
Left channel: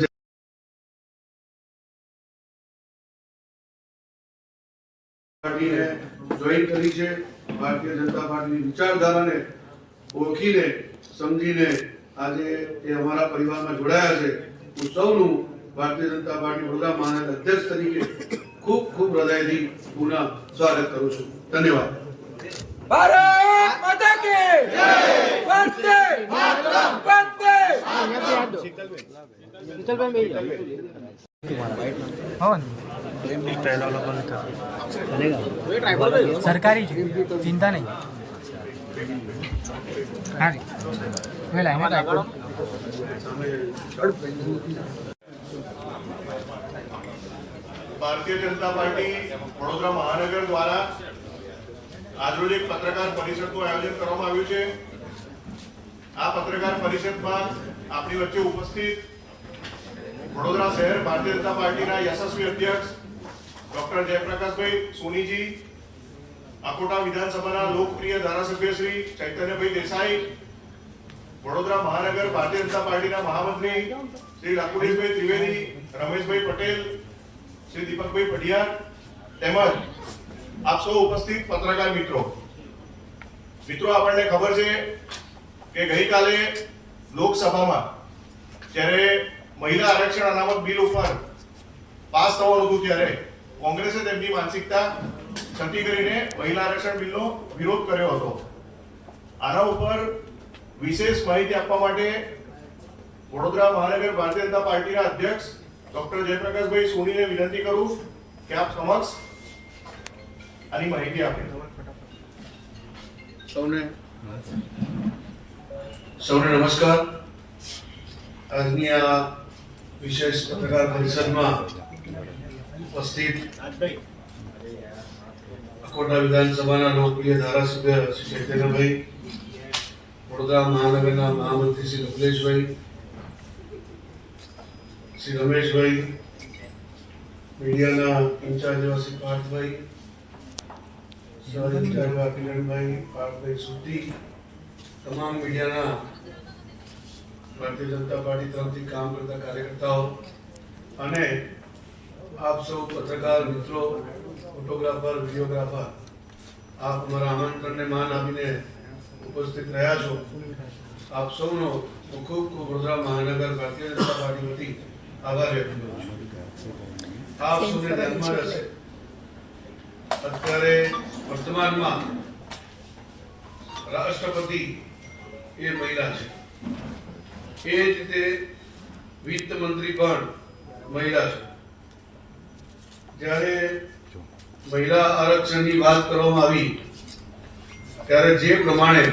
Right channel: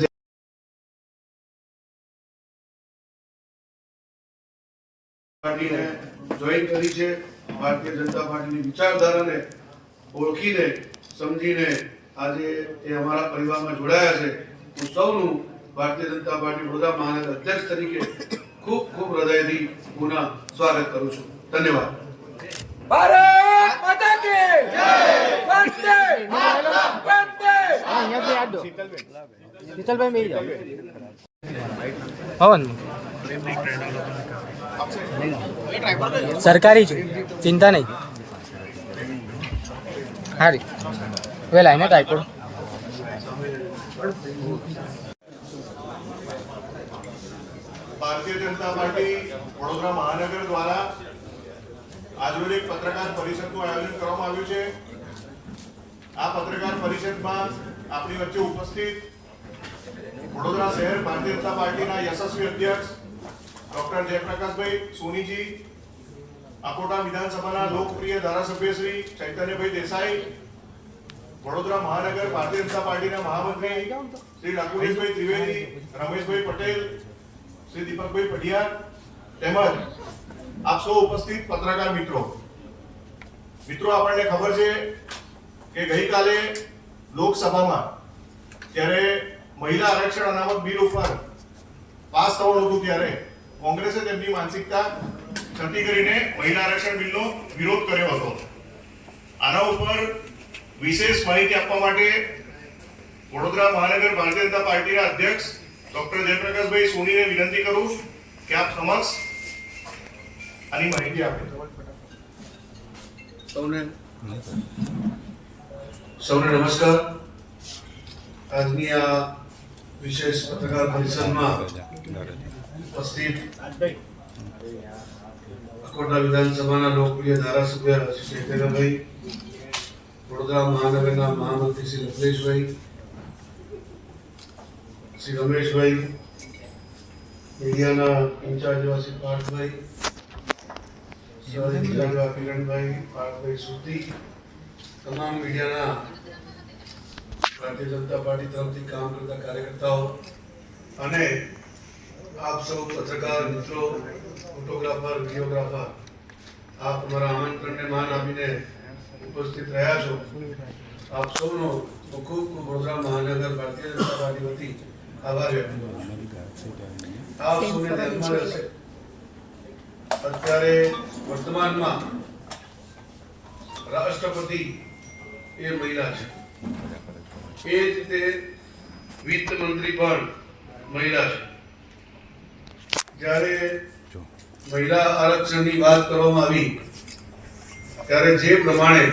પાર્ટીને જોઈન કરી છે. ભારતીય જનતા પાર્ટીની વિચારધારાને ઓળખીને સમજીને આજે એ અમારા પરિવારમાં જોડાયા છે. હું સૌનું ભારતીય જનતા પાર્ટી વડોદરા મહાનગર અધ્યક્ષ તરીકે ખૂબ ખૂબ હૃદયથી પુનઃ સ્વાગત કરું છું. ધન્યવાદ. ભારત માતા કી જય, વંદે માતરમ, વંદે. સરકારી છે, ચિંતા નહીં. હારી વેલા એને ટાઈપો ભારતીય જનતા પાર્ટી વડોદરા મહાનગર દ્વારા આજરોજ એક પત્રકાર પરિષદનું આયોજન કરવામાં આવ્યું છે. આ પત્રકાર પરિષદમાં આપણી વચ્ચે ઉપસ્થિત વડોદરા શહેર ભારતીય જનતા પાર્ટીના યશસ્વી અધ્યક્ષ ડોક્ટર જયપ્રકાશભાઈ સોનીજી, અકોટા વિધાનસભાના લોકપ્રિય ધારાસભ્ય શ્રી ચૈતન્યભાઈ દેસાઈ, વડોદરા મહાનગર ભારતીય જનતા પાર્ટીના મહામંત્રી શ્રી રાકુલેશભાઈ ત્રિવેદી, રમેશભાઈ પટેલ, શ્રી દીપકભાઈ પઢિયાર તેમજ આપ સૌ ઉપસ્થિત પત્રકાર મિત્રો, આપણને ખબર છે કે ગઈકાલે લોકસભામાં જ્યારે મહિલા આરક્ષણ અનામત બિલ ઉપર પાસ થવાનું હતું ત્યારે કોંગ્રેસે તેમની માનસિકતા છતી કરીને મહિલા આરક્ષણ બિલનો વિરોધ કર્યો હતો. આના ઉપર વિશેષ માહિતી આપવા માટે વડોદરા મહાનગર ભારતીય જનતા પાર્ટીના અધ્યક્ષ ડોક્ટર જયપ્રકાશભાઈ સોનીને વિનંતી કરું કે આપ સમક્ષ આની માહિતી આપે. સૌને નમસ્કાર. આજની આ વિશેષ પત્રકાર પરિષદમાં ઉપસ્થિત અકોટા વિધાનસભાના લોકપ્રિય ધારાસભ્ય શ્રી ચૈતન્યભાઈ, વડોદરા મહાનગરના મહામંત્રી શ્રી રઘુલેશભાઈ, શ્રી રમેશભાઈ, મીડિયાના ઇન્ચાર્જ એવા શ્રી પાર્થભાઈ, સહ ઇન્ચાર્જ એવા કિરણભાઈ, પાર્થભાઈ સુતી, તમામ મીડિયાના ભારતીય જનતા પાર્ટી તરફથી કામ કરતા કાર્યકર્તાઓ અને આપ સૌ પત્રકાર મિત્રો, ફોટોગ્રાફર, વિડીયોગ્રાફર, આપ અમારા આમંત્રણને માન આપીને ઉપસ્થિત રહ્યા છો. આપ સૌનો ખૂબ ખૂબ વડોદરા મહાનગર ભારતીય જનતા પાર્ટી વતી આભાર વ્યક્ત કરું છું. આપ સૌને ધ્યાનમાં રહેશે, અત્યારે વર્તમાનમાં રાષ્ટ્રપતિ એ મહિલા છે, એ જ રીતે વિત્ત મંત્રી પણ મહિલા છે. જ્યારે મહિલા આરક્ષણની વાત કરવામાં આવી ત્યારે જે પ્રમાણે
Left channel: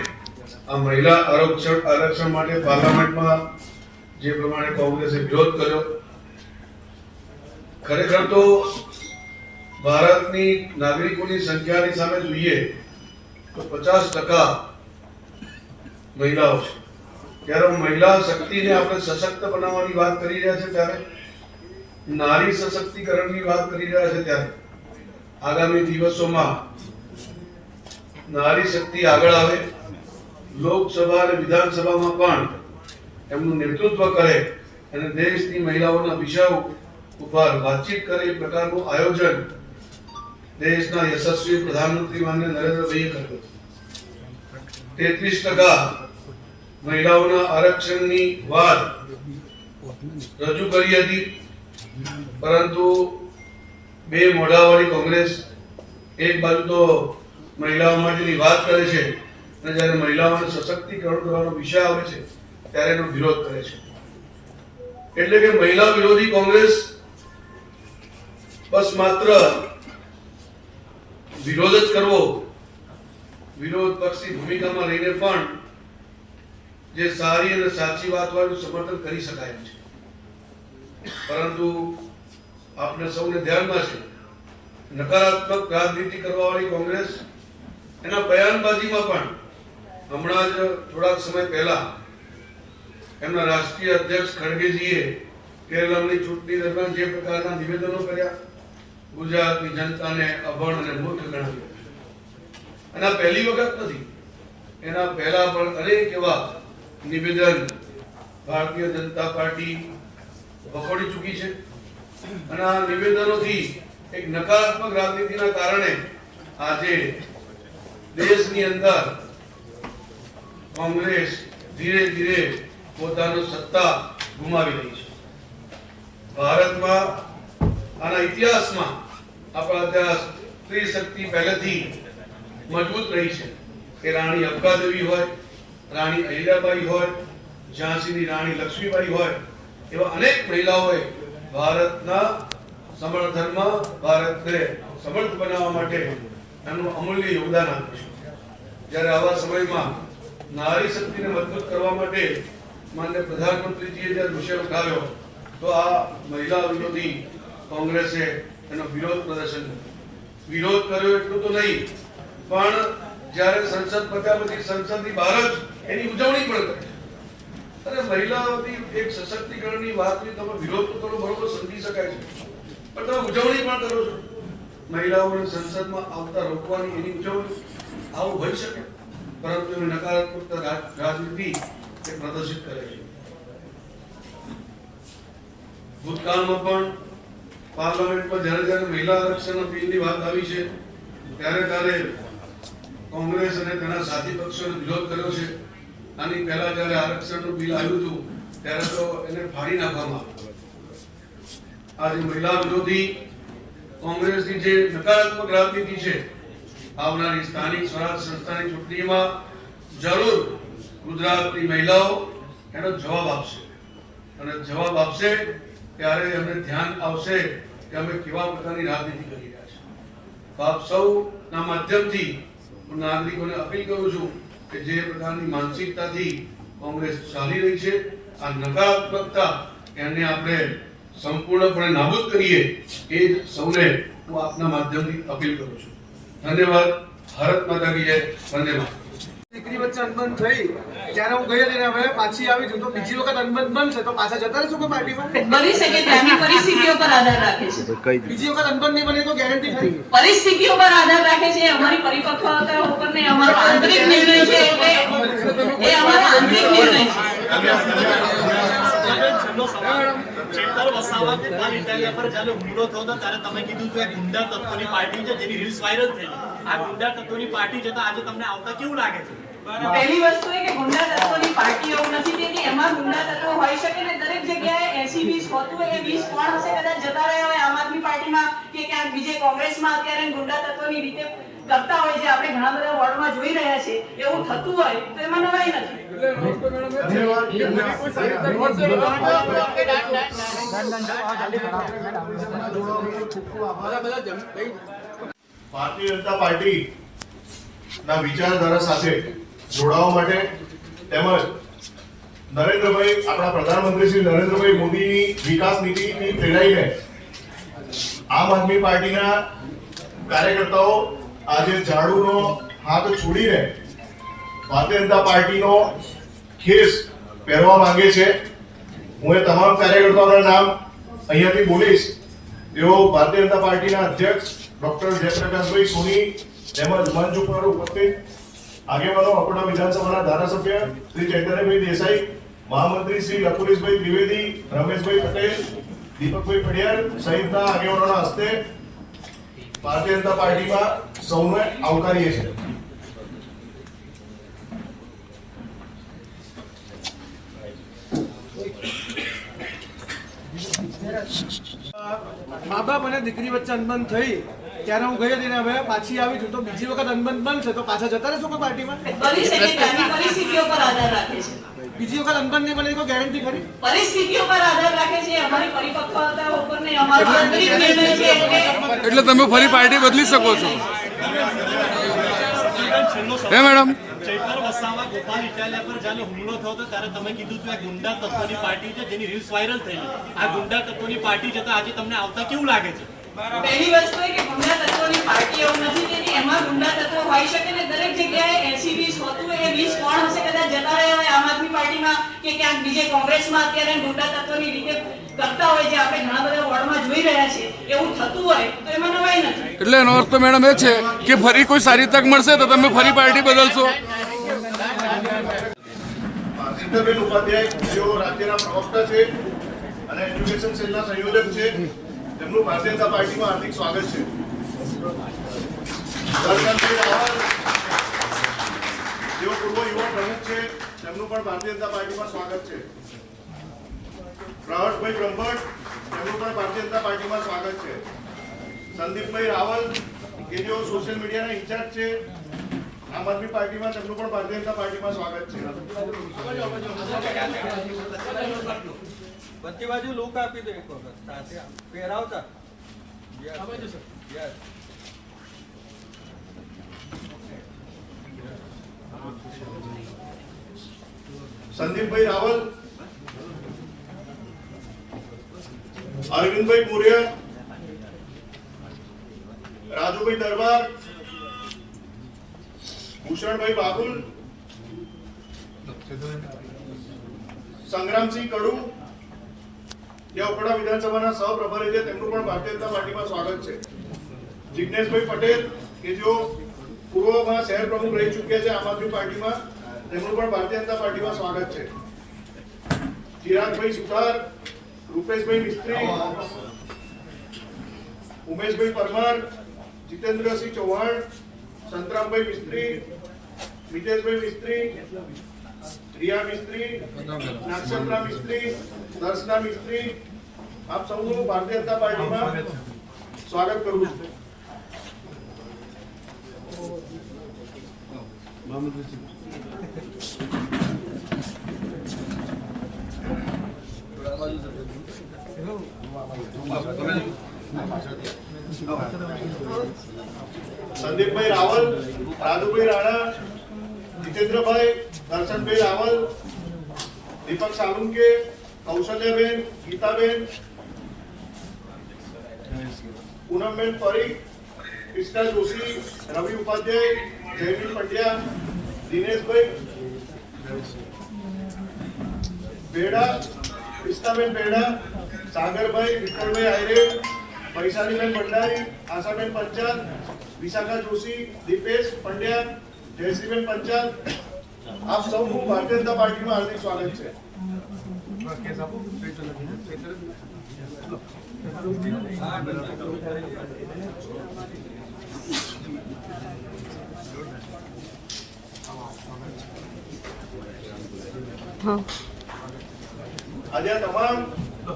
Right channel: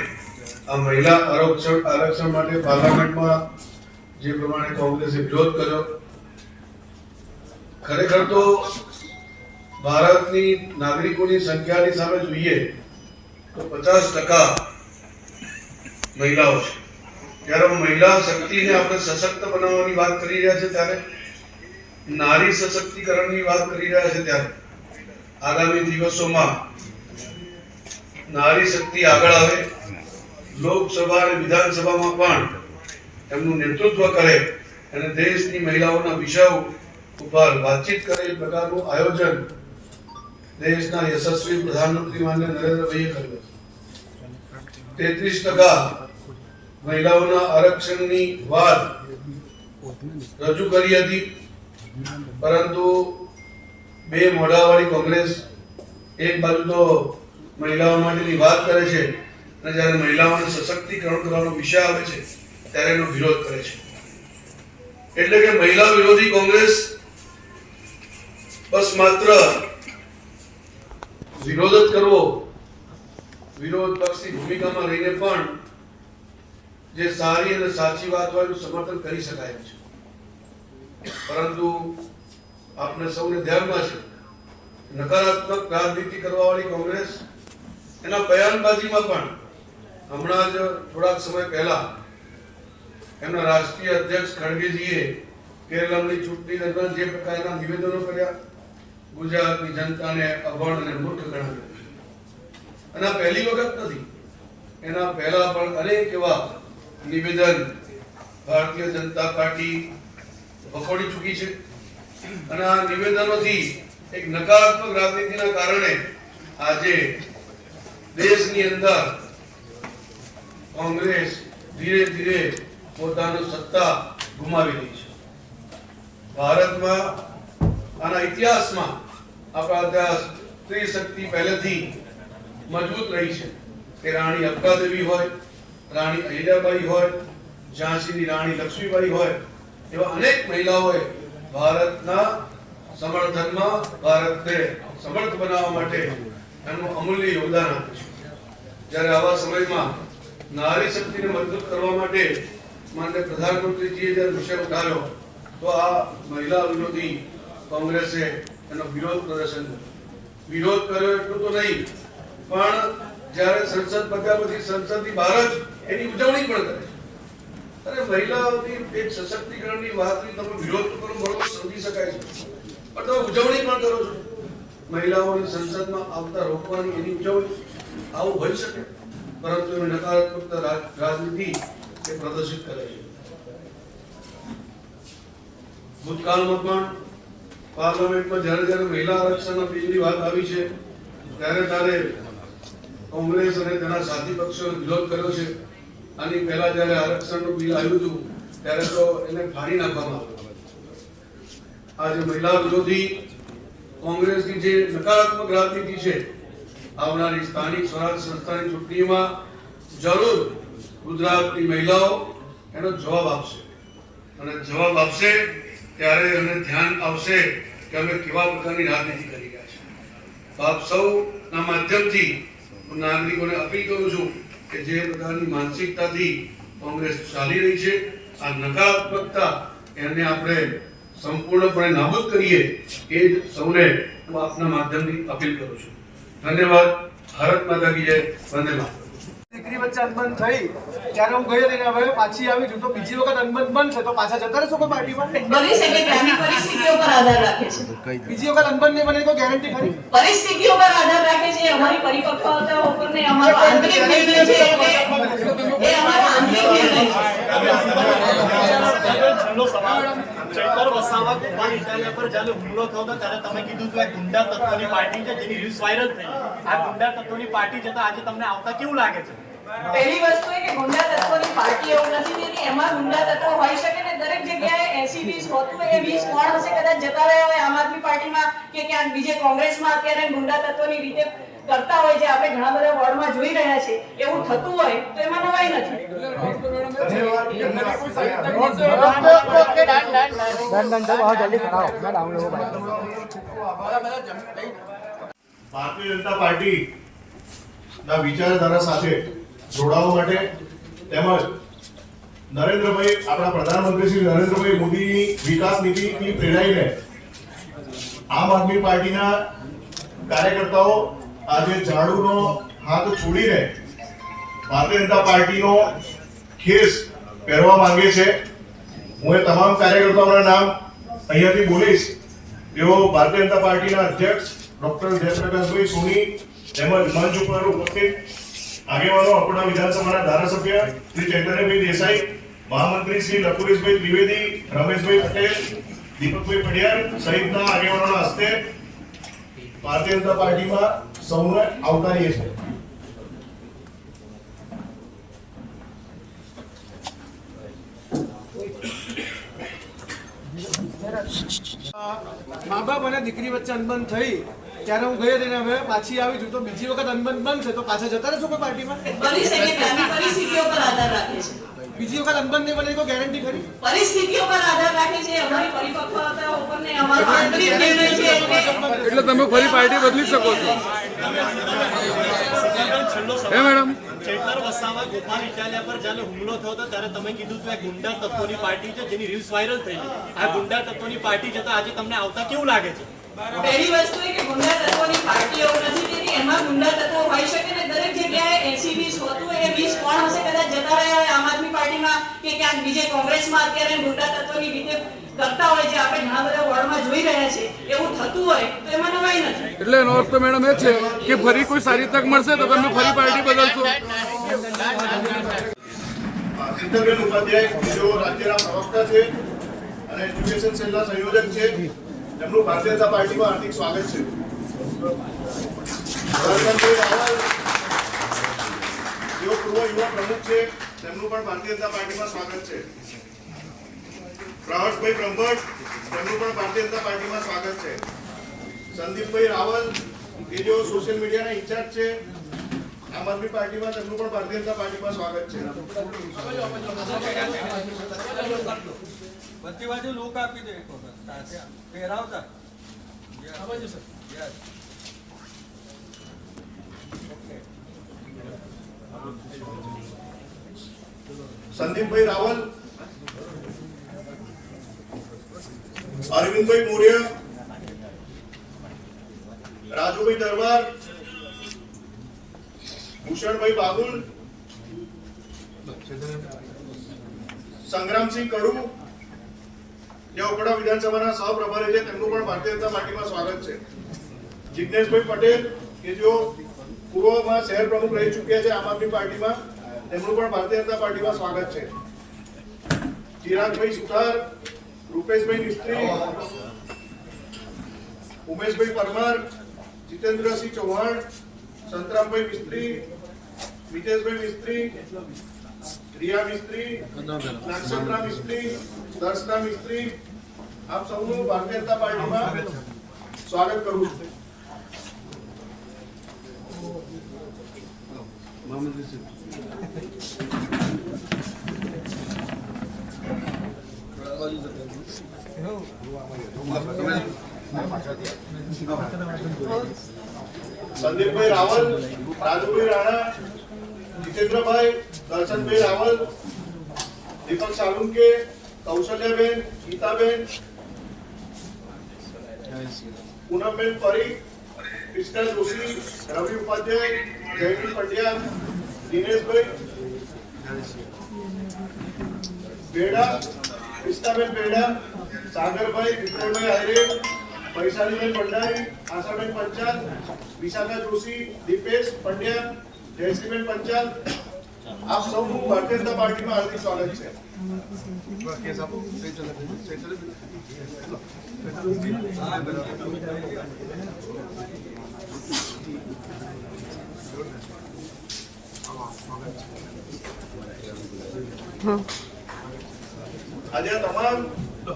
આ મહિલા આરક્ષણ માટે પાર્લામેન્ટમાં જે પ્રમાણે કોંગ્રેસે વિરોધ કર્યો, ખરેખર તો ભારતની નાગરિકોની સંખ્યાની સામે જોઈએ તો 50% મહિલાઓ છે. ત્યારે મહિલા શક્તિને આપણે સશક્ત બનાવવાની વાત કરી રહ્યા છે, ત્યારે નારી સશક્તિકરણની વાત કરી રહ્યા છે, ત્યારે આગામી દિવસોમાં નારી શક્તિ આગળ આવે, લોકસભા અને વિધાનસભામાં પણ એમનું નેતૃત્વ કરે અને દેશની મહિલાઓના વિષયો ઉપર વાતચીત કરે એ પ્રકારનું આયોજન દેશના યશસ્વી પ્રધાનમંત્રી માનનીય નરેન્દ્રભાઈએ કર્યું. 33% મહિલાઓના આરક્ષણની વાત રજૂ કરી હતી, પરંતુ બે મોઢાવાળી કોંગ્રેસ એક બાજુ તો મહિલાઓ માટેની વાત કરે છે અને જ્યારે મહિલાઓને સશક્તિકરણ કરવાનો વિષય આવે છે ત્યારે એનો વિરોધ કરે છે. એટલે કે મહિલા વિરોધી કોંગ્રેસ બસ માત્ર વિરોધ જ કરવો, વિરોધ પક્ષની ભૂમિકામાં રહીને પણ જે સારી અને સાચી વાત હોય એનું સમર્થન કરી શકાય છે. પરંતુ આપને સૌને ધ્યાનમાં છે, નકારાત્મક રાજનીતિ કરવાવાળી કોંગ્રેસ એના બયાનબાજીમાં પણ હમણાં જ થોડાક સમય પહેલા એમના રાષ્ટ્રીય અધ્યક્ષ ખડગેજીએ કેરળની ચૂંટણી દરમિયાન જે પ્રકારના નિવેદનો કર્યા, ગુજરાતની જનતાને અભણ અને મૂર્ખ ગણાવ્યું. અને આ પહેલી વખત નથી, એના પહેલા પણ અનેક એવા નિવેદન ભારતીય જનતા પાર્ટી વખોડી ચૂકી છે. અને આ નિવેદનોથી એક નકારાત્મક રાજનીતિના કારણે આજે દેશની અંદર કોંગ્રેસ ધીરે ધીરે પોતાની સત્તા ગુમાવી રહી છે. ભારતમાં આના ઇતિહાસમાં આપણા ઇતિહાસ સ્ત્રી શક્તિ પહેલેથી મજબૂત રહી છે. કે રાણી અબકાદેવી હોય, રાણી અહિલ્યાબાઈ હોય, ઝાંસીની રાણી લક્ષ્મીબાઈ હોય, એવા અનેક મહિલાઓએ ભારતના સમર્થનમાં, ભારતને સમર્થ બનાવવા માટે એમનું અમૂલ્ય યોગદાન આપ્યું છે. જ્યારે આવા સમયમાં નારી શક્તિને મજબૂત કરવા માટે માનનીય પ્રધાનમંત્રીજીએ જ્યારે વિષય ઉઠાવ્યો તો આ મહિલા વિરોધી કોંગ્રેસે એનો વિરોધ પ્રદર્શન કર્યો. વિરોધ કર્યો એટલું તો નહીં, પણ જ્યારે સંસદ પત્યા પછી સંસદની બહાર જ એની ઉજવણી પણ કરે. અરે મહિલાઓની એક સશક્તિકરણની વાતની તમે વિરોધ તો કરો, બરોબર, સમજી શકાય છે, પણ તમે ઉજવણી પણ કરો છો. મહિલાઓને સંસદમાં આવતા રોકવાની એની ઉજવણી, આવું હોઈ શકે, પરંતુ એની નકારાત્મક રાજનીતિ એ પ્રદર્શિત કરે છે. ભૂતકાળમાં પણ પાર્લામેન્ટમાં જ્યારે મહિલા આરક્ષણના બિલની વાત આવી છે ત્યારે કોંગ્રેસ અને તેના સાથી પક્ષોએ વિરોધ કર્યો છે. આની પહેલા જ્યારે આરક્ષણનું બિલ આવ્યું હતું ત્યારે તો એને ફાડી નાખવામાં આવ્યું. આજે મહિલા વિરોધી કોંગ્રેસની જે નકારાત્મક રાજનીતિ છે, આવનારી સ્થાનિક સ્વરાજ સંસ્થાની ચૂંટણીમાં જરૂર ગુજરાતની મહિલાઓ એનો જવાબ આપશે, અને જવાબ આપશે ત્યારે એમને ધ્યાન આવશે કે અમે કેવા પ્રકારની રાજનીતિ કરી રહ્યા છીએ. તો આપ સૌના માધ્યમથી હું નાગરિકોને અપીલ કરું છું કે જે પ્રકારની માનસિકતાથી કોંગ્રેસ ચાલી રહી છે, આ નકારાત્મકતા, એને આપણે સંપૂર્ણપણે નાબૂદ કરીએ, એ જ સૌને હું આપના માધ્યમથી અપીલ કરું છું. ધન્યવાદ. ભારત માતા કી જય. વંદે માતરમ. દીકરી વચ્ચે અનબન થઈ ત્યારે હું ગઈ હતી, હવે પાછી આવી છું, તો બીજી વખત અનબન બનશે તો પાછા જતા રહેશો કોઈ પાર્ટીમાં? બની શકે, ત્યાંની પરિસ્થિતિઓ પર આધાર રાખે છે. બીજી વખત અનબન નહીં બને તો ગેરંટી ખરી? પરિસ્થિતિઓ પર આધાર રાખે છે. અમારી પરિપક્વતા ઉપર ને અમારો આંતરિક નિર્ણય છે, એ અમારો આંતરિક નિર્ણય છે. ચેતર વસાવા ગોપાલ ઇટાલિયા પર જ્યારે હુમલો થયો હતો ત્યારે તમે કીધું કે ગુંડા તત્વોની પાર્ટી છે, જેની રીલ્સ વાયરલ થઈ. આ ગુંડા તત્વોની પાર્ટી જતા આજે તમને આવતા કેવું લાગે છે? પહેલી વસ્તુ એ કે ગુંડા તત્વોની પાર્ટી એવું નથી થતી, એમાં ગુંડા તત્વો હોઈ શકે ને દરેક જગ્યાએ 80-20 હોતું હોય, એ 20 કોણ હશે કદાચ જતા રહ્યા હોય આમ આદમી પાર્ટીમાં કે ક્યાંક બીજે કોંગ્રેસમાં અત્યારે ગુંડા તત્વોની રીતે કરતા હોય, જે આપણે ઘણા બધા વોર્ડમાં જોઈ રહ્યા છે, એવું થતું હોય તો એમાં નવાઈ નથી. ભારતીય જનતા પાર્ટી ના વિચારધારા સાથે જોડાવા માટે તેમજ નરેન્દ્રભાઈ, આપણા પ્રધાનમંત્રી શ્રી નરેન્દ્રભાઈ મોદીની વિકાસ નીતિથી પ્રેરાઈને આમ આદમી પાર્ટીના કાર્યકર્તાઓ આજે ઝાડુનો હાથ છોડીને ભારતીય જનતા પાર્ટીનો ખેસ પહેરવા માંગે છે. હું એ તમામ કાર્યકર્તાઓના નામ અહીંયાથી બોલીશ. તેઓ ભારતીય જનતા પાર્ટીના અધ્યક્ષ ડોક્ટર જયપ્રકાશભાઈ સોની તેમજ મંચ ઉપર ઉપસ્થિત આગેવાનો, આપણા વિધાનસભાના ધારાસભ્ય શ્રી ચૈતન્યભાઈ દેસાઈ, મહામંત્રી શ્રી લખુરીશભાઈ ત્રિવેદી, રમેશભાઈ પટેલ, દીપકભાઈ પડિયાર સહિતના આગેવાનોના હસ્તે ભારતીય જનતા પાર્ટીમાં સૌને આવકારીએ છીએ. મા બાપ અને દીકરી વચ્ચે અનબન થઈ ત્યારે હું ગઈ હતી, હવે પાછી આવી છું, તો બીજી વખત અનબન બનશે તો પાછા જતા રહેશો કોઈ પાર્ટીમાં? બની શકે, ત્યાંની પરિસ્થિતિઓ પર આધાર રાખે છે. બીજી વખત અનબન નહીં બને તો ગેરંટી ખરી? પરિસ્થિતિઓ પર આધાર રાખે છે. અમારી પરિપક્વતા ઉપર ને અમારો આંતરિક નિર્ણય છે, એટલે તમે ફરી પાર્ટી બદલી શકો છો. હે મેડમ, ચેતર વસાવા ગોપાલ ઇટાલિયા પર જ્યારે હુમલો થયો હતો ત્યારે તમે કીધું કે ગુંડા તત્વોની પાર્ટી છે, જેની રીલ્સ વાયરલ થઈ. આ ગુંડા તત્વોની પાર્ટી જતા આજે તમને આવતા કેવું લાગે છે? પહેલી વસ્તુ એ કે ગુંડા તત્વોની પાર્ટી એવું નથી થતી, એમાં ગુંડા તત્વો હોઈ શકે ને દરેક જગ્યાએ 80-20 હોતું હોય, એ 20 કોણ હશે કદાચ જતા રહ્યા હોય આમ આદમી પાર્ટીમાં કે ક્યાંક બીજે કોંગ્રેસમાં અત્યારે ગુંડા તત્વોની રીતે કરતા હોય, જે આપણે ઘણા બધા વોર્ડમાં જોઈ રહ્યા છે, એવું થતું હોય તો એમાં નવાઈ નથી. એટલે એનો અર્થ તો મેડમ એ છે કે ફરી કોઈ સારી તક મળશે તો તમે ફરી પાર્ટી બદલશો. સિદ્ધબેન ઉપાધ્યાય, જેઓ રાજ્યના પ્રવક્તા છે અને એજ્યુકેશન સેલના સંયોજક છે, તેમનું ભારતીય જનતા પાર્ટીમાં હાર્દિક સ્વાગત છે. હરકનભાઈ રાવલ, જેઓ પૂર્વ યુવા પ્રમુખ છે, તેમનું પણ ભારતીય જનતા પાર્ટીમાં સ્વાગત છે. પ્રહર્ષભાઈ બ્રહ્મભટ્ટ, તેમનું પણ ભારતીય જનતા પાર્ટીમાં સ્વાગત છે. સંદીપભાઈ રાવલ, કે જેઓ સોશિયલ મીડિયાના ઇન્ચાર્જ છે આમ આદમી પાર્ટીમાં, તેમનું પણ ભારતીય જનતા પાર્ટીમાં સ્વાગત છે. બધી બાજુ લોક આપી દે એક વખત પહેરાવતા. સંદીપભાઈ રાવલ, અરવિંદભાઈ મોરિયા, માધુભાઈ દરબાર, ભૂષણભાઈ બાબુલ, સંગ્રામસિંહ કડુ, જે ઉપડા વિધાનસભાના સહપ્રભારી છે, તેમનું પણ ભારતીય જનતા પાર્ટીમાં સ્વાગત છે. જિજ્ઞેશભાઈ પટેલ કે જો પૂર્વમાં શહેર પ્રમુખ રહી ચૂક્યા છે આમ આદમી પાર્ટીમાં, તેમનું પણ ભારતીય જનતા પાર્ટીમાં સ્વાગત છે. ચિરાગભાઈ સુથાર, રૂપેશભાઈ મિસ્ત્રી, ઉમેશભાઈ પરમાર, જીતેન્દ્રસિંહ ચૌહાણ, સંતરામભાઈ મિસ્ત્રી, મિતેશભાઈ મિસ્ત્રી, રિયા મિસ્ત્રી, નાગસંતરા મિસ્ત્રી, દર્શના મિસ્ત્રી, આપ સૌનું ભારતીય જનતા પાર્ટીમાં સ્વાગત કરું છું. સંદીપભાઈ રાવલ, રાજુભાઈ રાણા, જીતેન્દ્રભાઈ, દર્શનભાઈ રાવલ, દીપક સાલુંકે, કૌશલ્યાબેન, ગીતાબેન, પૂનમબેન પરીખ, ક્રિષ્ના જોશી, રવિ ઉપાધ્યાય, જયવીર પંડ્યા, દિનેશભાઈ બેડા, ક્રિષ્નાબેન બેડા, સાગરભાઈ, વિક્રમભાઈ આયરે, વૈશાલીબેન ભંડારી, આશાબેન પંચાલ, વિશાખા જોશી, દીપેશ પંડ્યા, જયશ્રીબેન પંચાલ, આપ સૌનું ભારતીય જનતા પાર્ટીમાં હાર્દિક સ્વાગત છે. આજે આ તમામ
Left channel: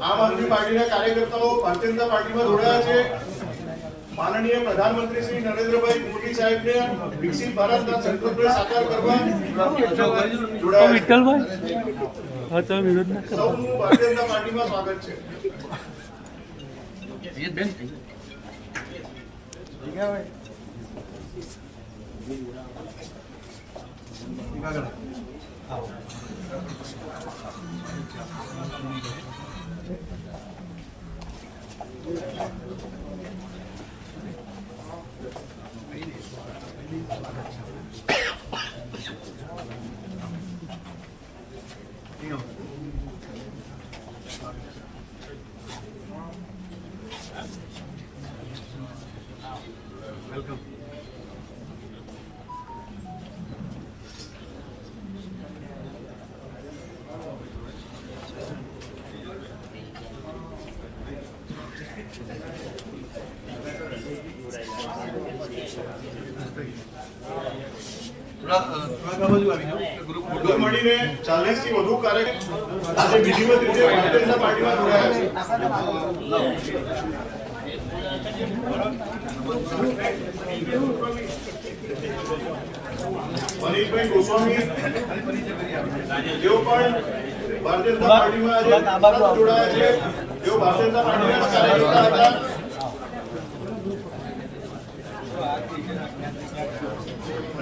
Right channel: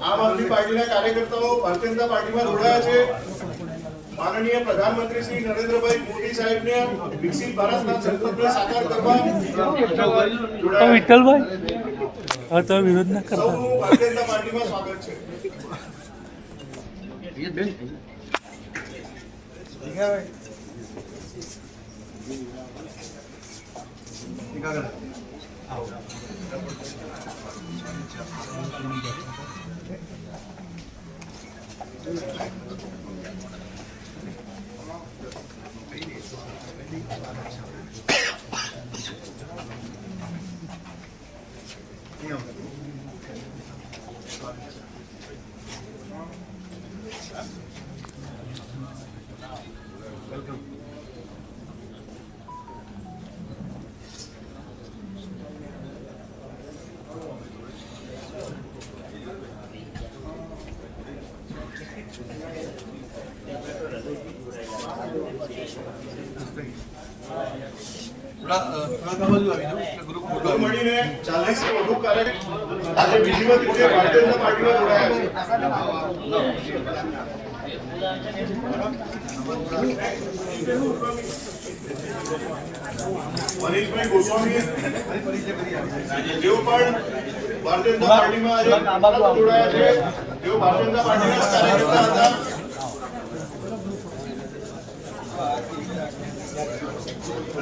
આમ આદમી પાર્ટીના કાર્યકર્તાઓ ભારતીય જનતા પાર્ટીમાં જોડાયા છે. માનનીય પ્રધાનમંત્રી શ્રી નરેન્દ્રભાઈ મોદી સાહેબને વિકસિત ભારતના સંકલ્પને સાકાર કરવા જોડાયા છે. સૌનું ભારતીય જનતા પાર્ટીમાં સ્વાગત છે. વેલકમ. મળીને 40 થી વધુ કાર્યકર આજે વિધિવત રીતે ભારતીય જનતા પાર્ટીમાં જોડાયા છે. મનીષભાઈ ગોસ્વામી જેઓ પણ ભારતીય જનતા પાર્ટીમાં આજે જોડાયા છે, તેઓ ભારતીય જનતા પાર્ટીના કાર્યકર્તા હતા.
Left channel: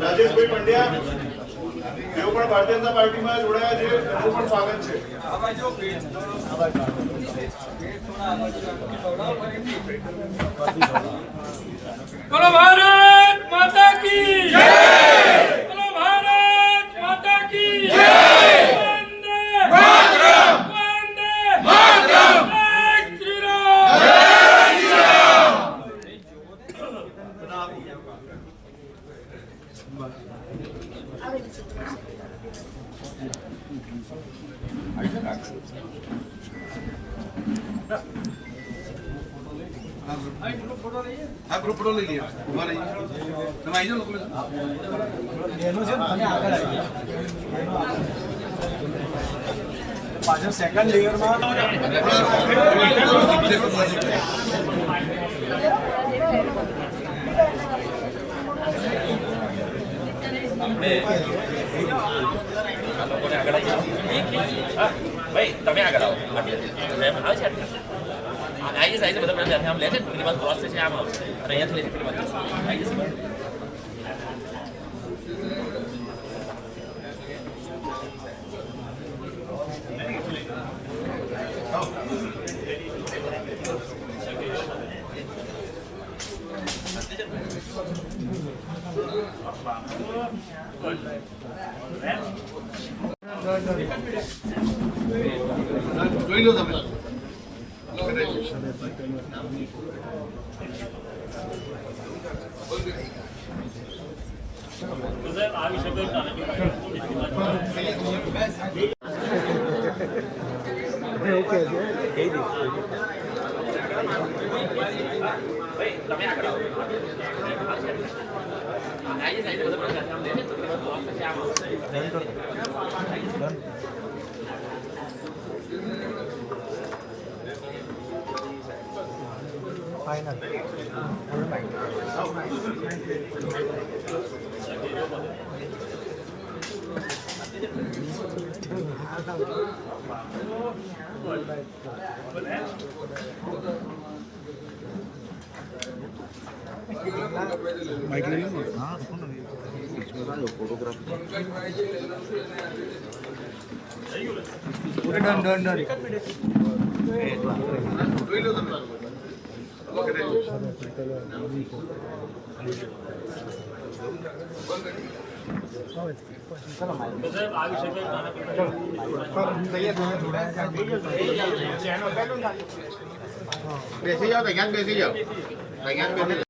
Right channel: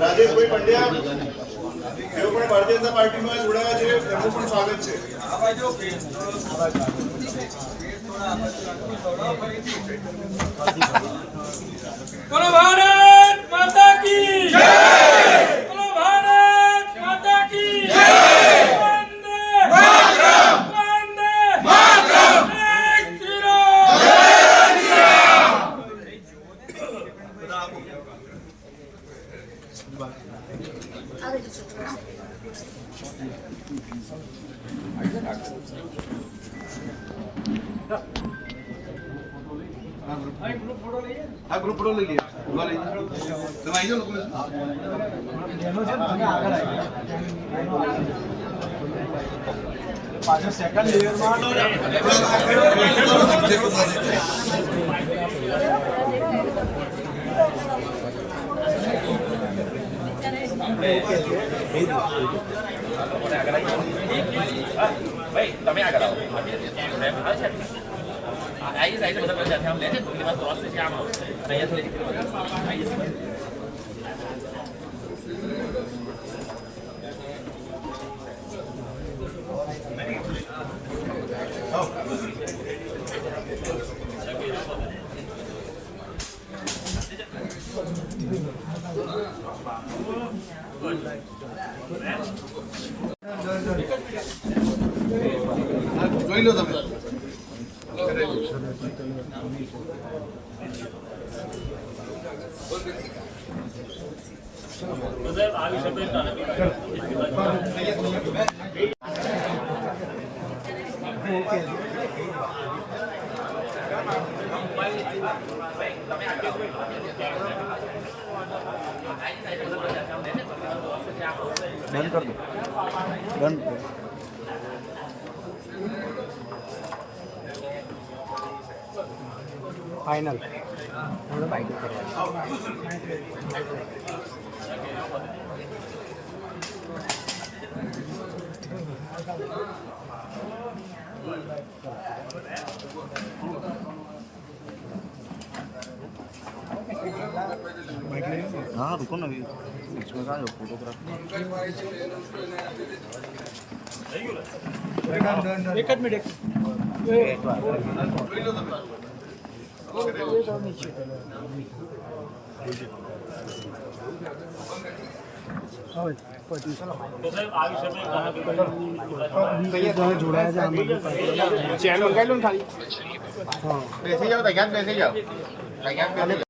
રાજેશભાઈ પંડ્યા તેઓ પણ ભારતીય જનતા પાર્ટીમાં જોડાયા છે, તેમનું પણ સ્વાગત છે. બોલો ભારત માતા કી જય, બોલો ભારત માતા કી જય, વંદે માતરમ, વંદે માતરમ, જય શ્રી રામ, જય શ્રી રામ. આ ગ્રુપ ફોટો લઈ લઈએ. ઉભા રહી તમે આવી જાઓ લોકો પાછળ સેકન્ડ લેયરમાં ભાઈ તમે આગળ આવો આવે છે આઈ સાઈડ બધા પ્રજા આમ લે છે પેલી વાત ક્રોસ છે આમ આવશે અને અહીંયાથી લે પેલી વાત આઈ છે. હા, જોઈ લો તમે. हाँ रुको ना इसमें कहाँ फोटोग्राफ જોઈ લો તમે. બેસી જાઓ, બેસી જાઓ.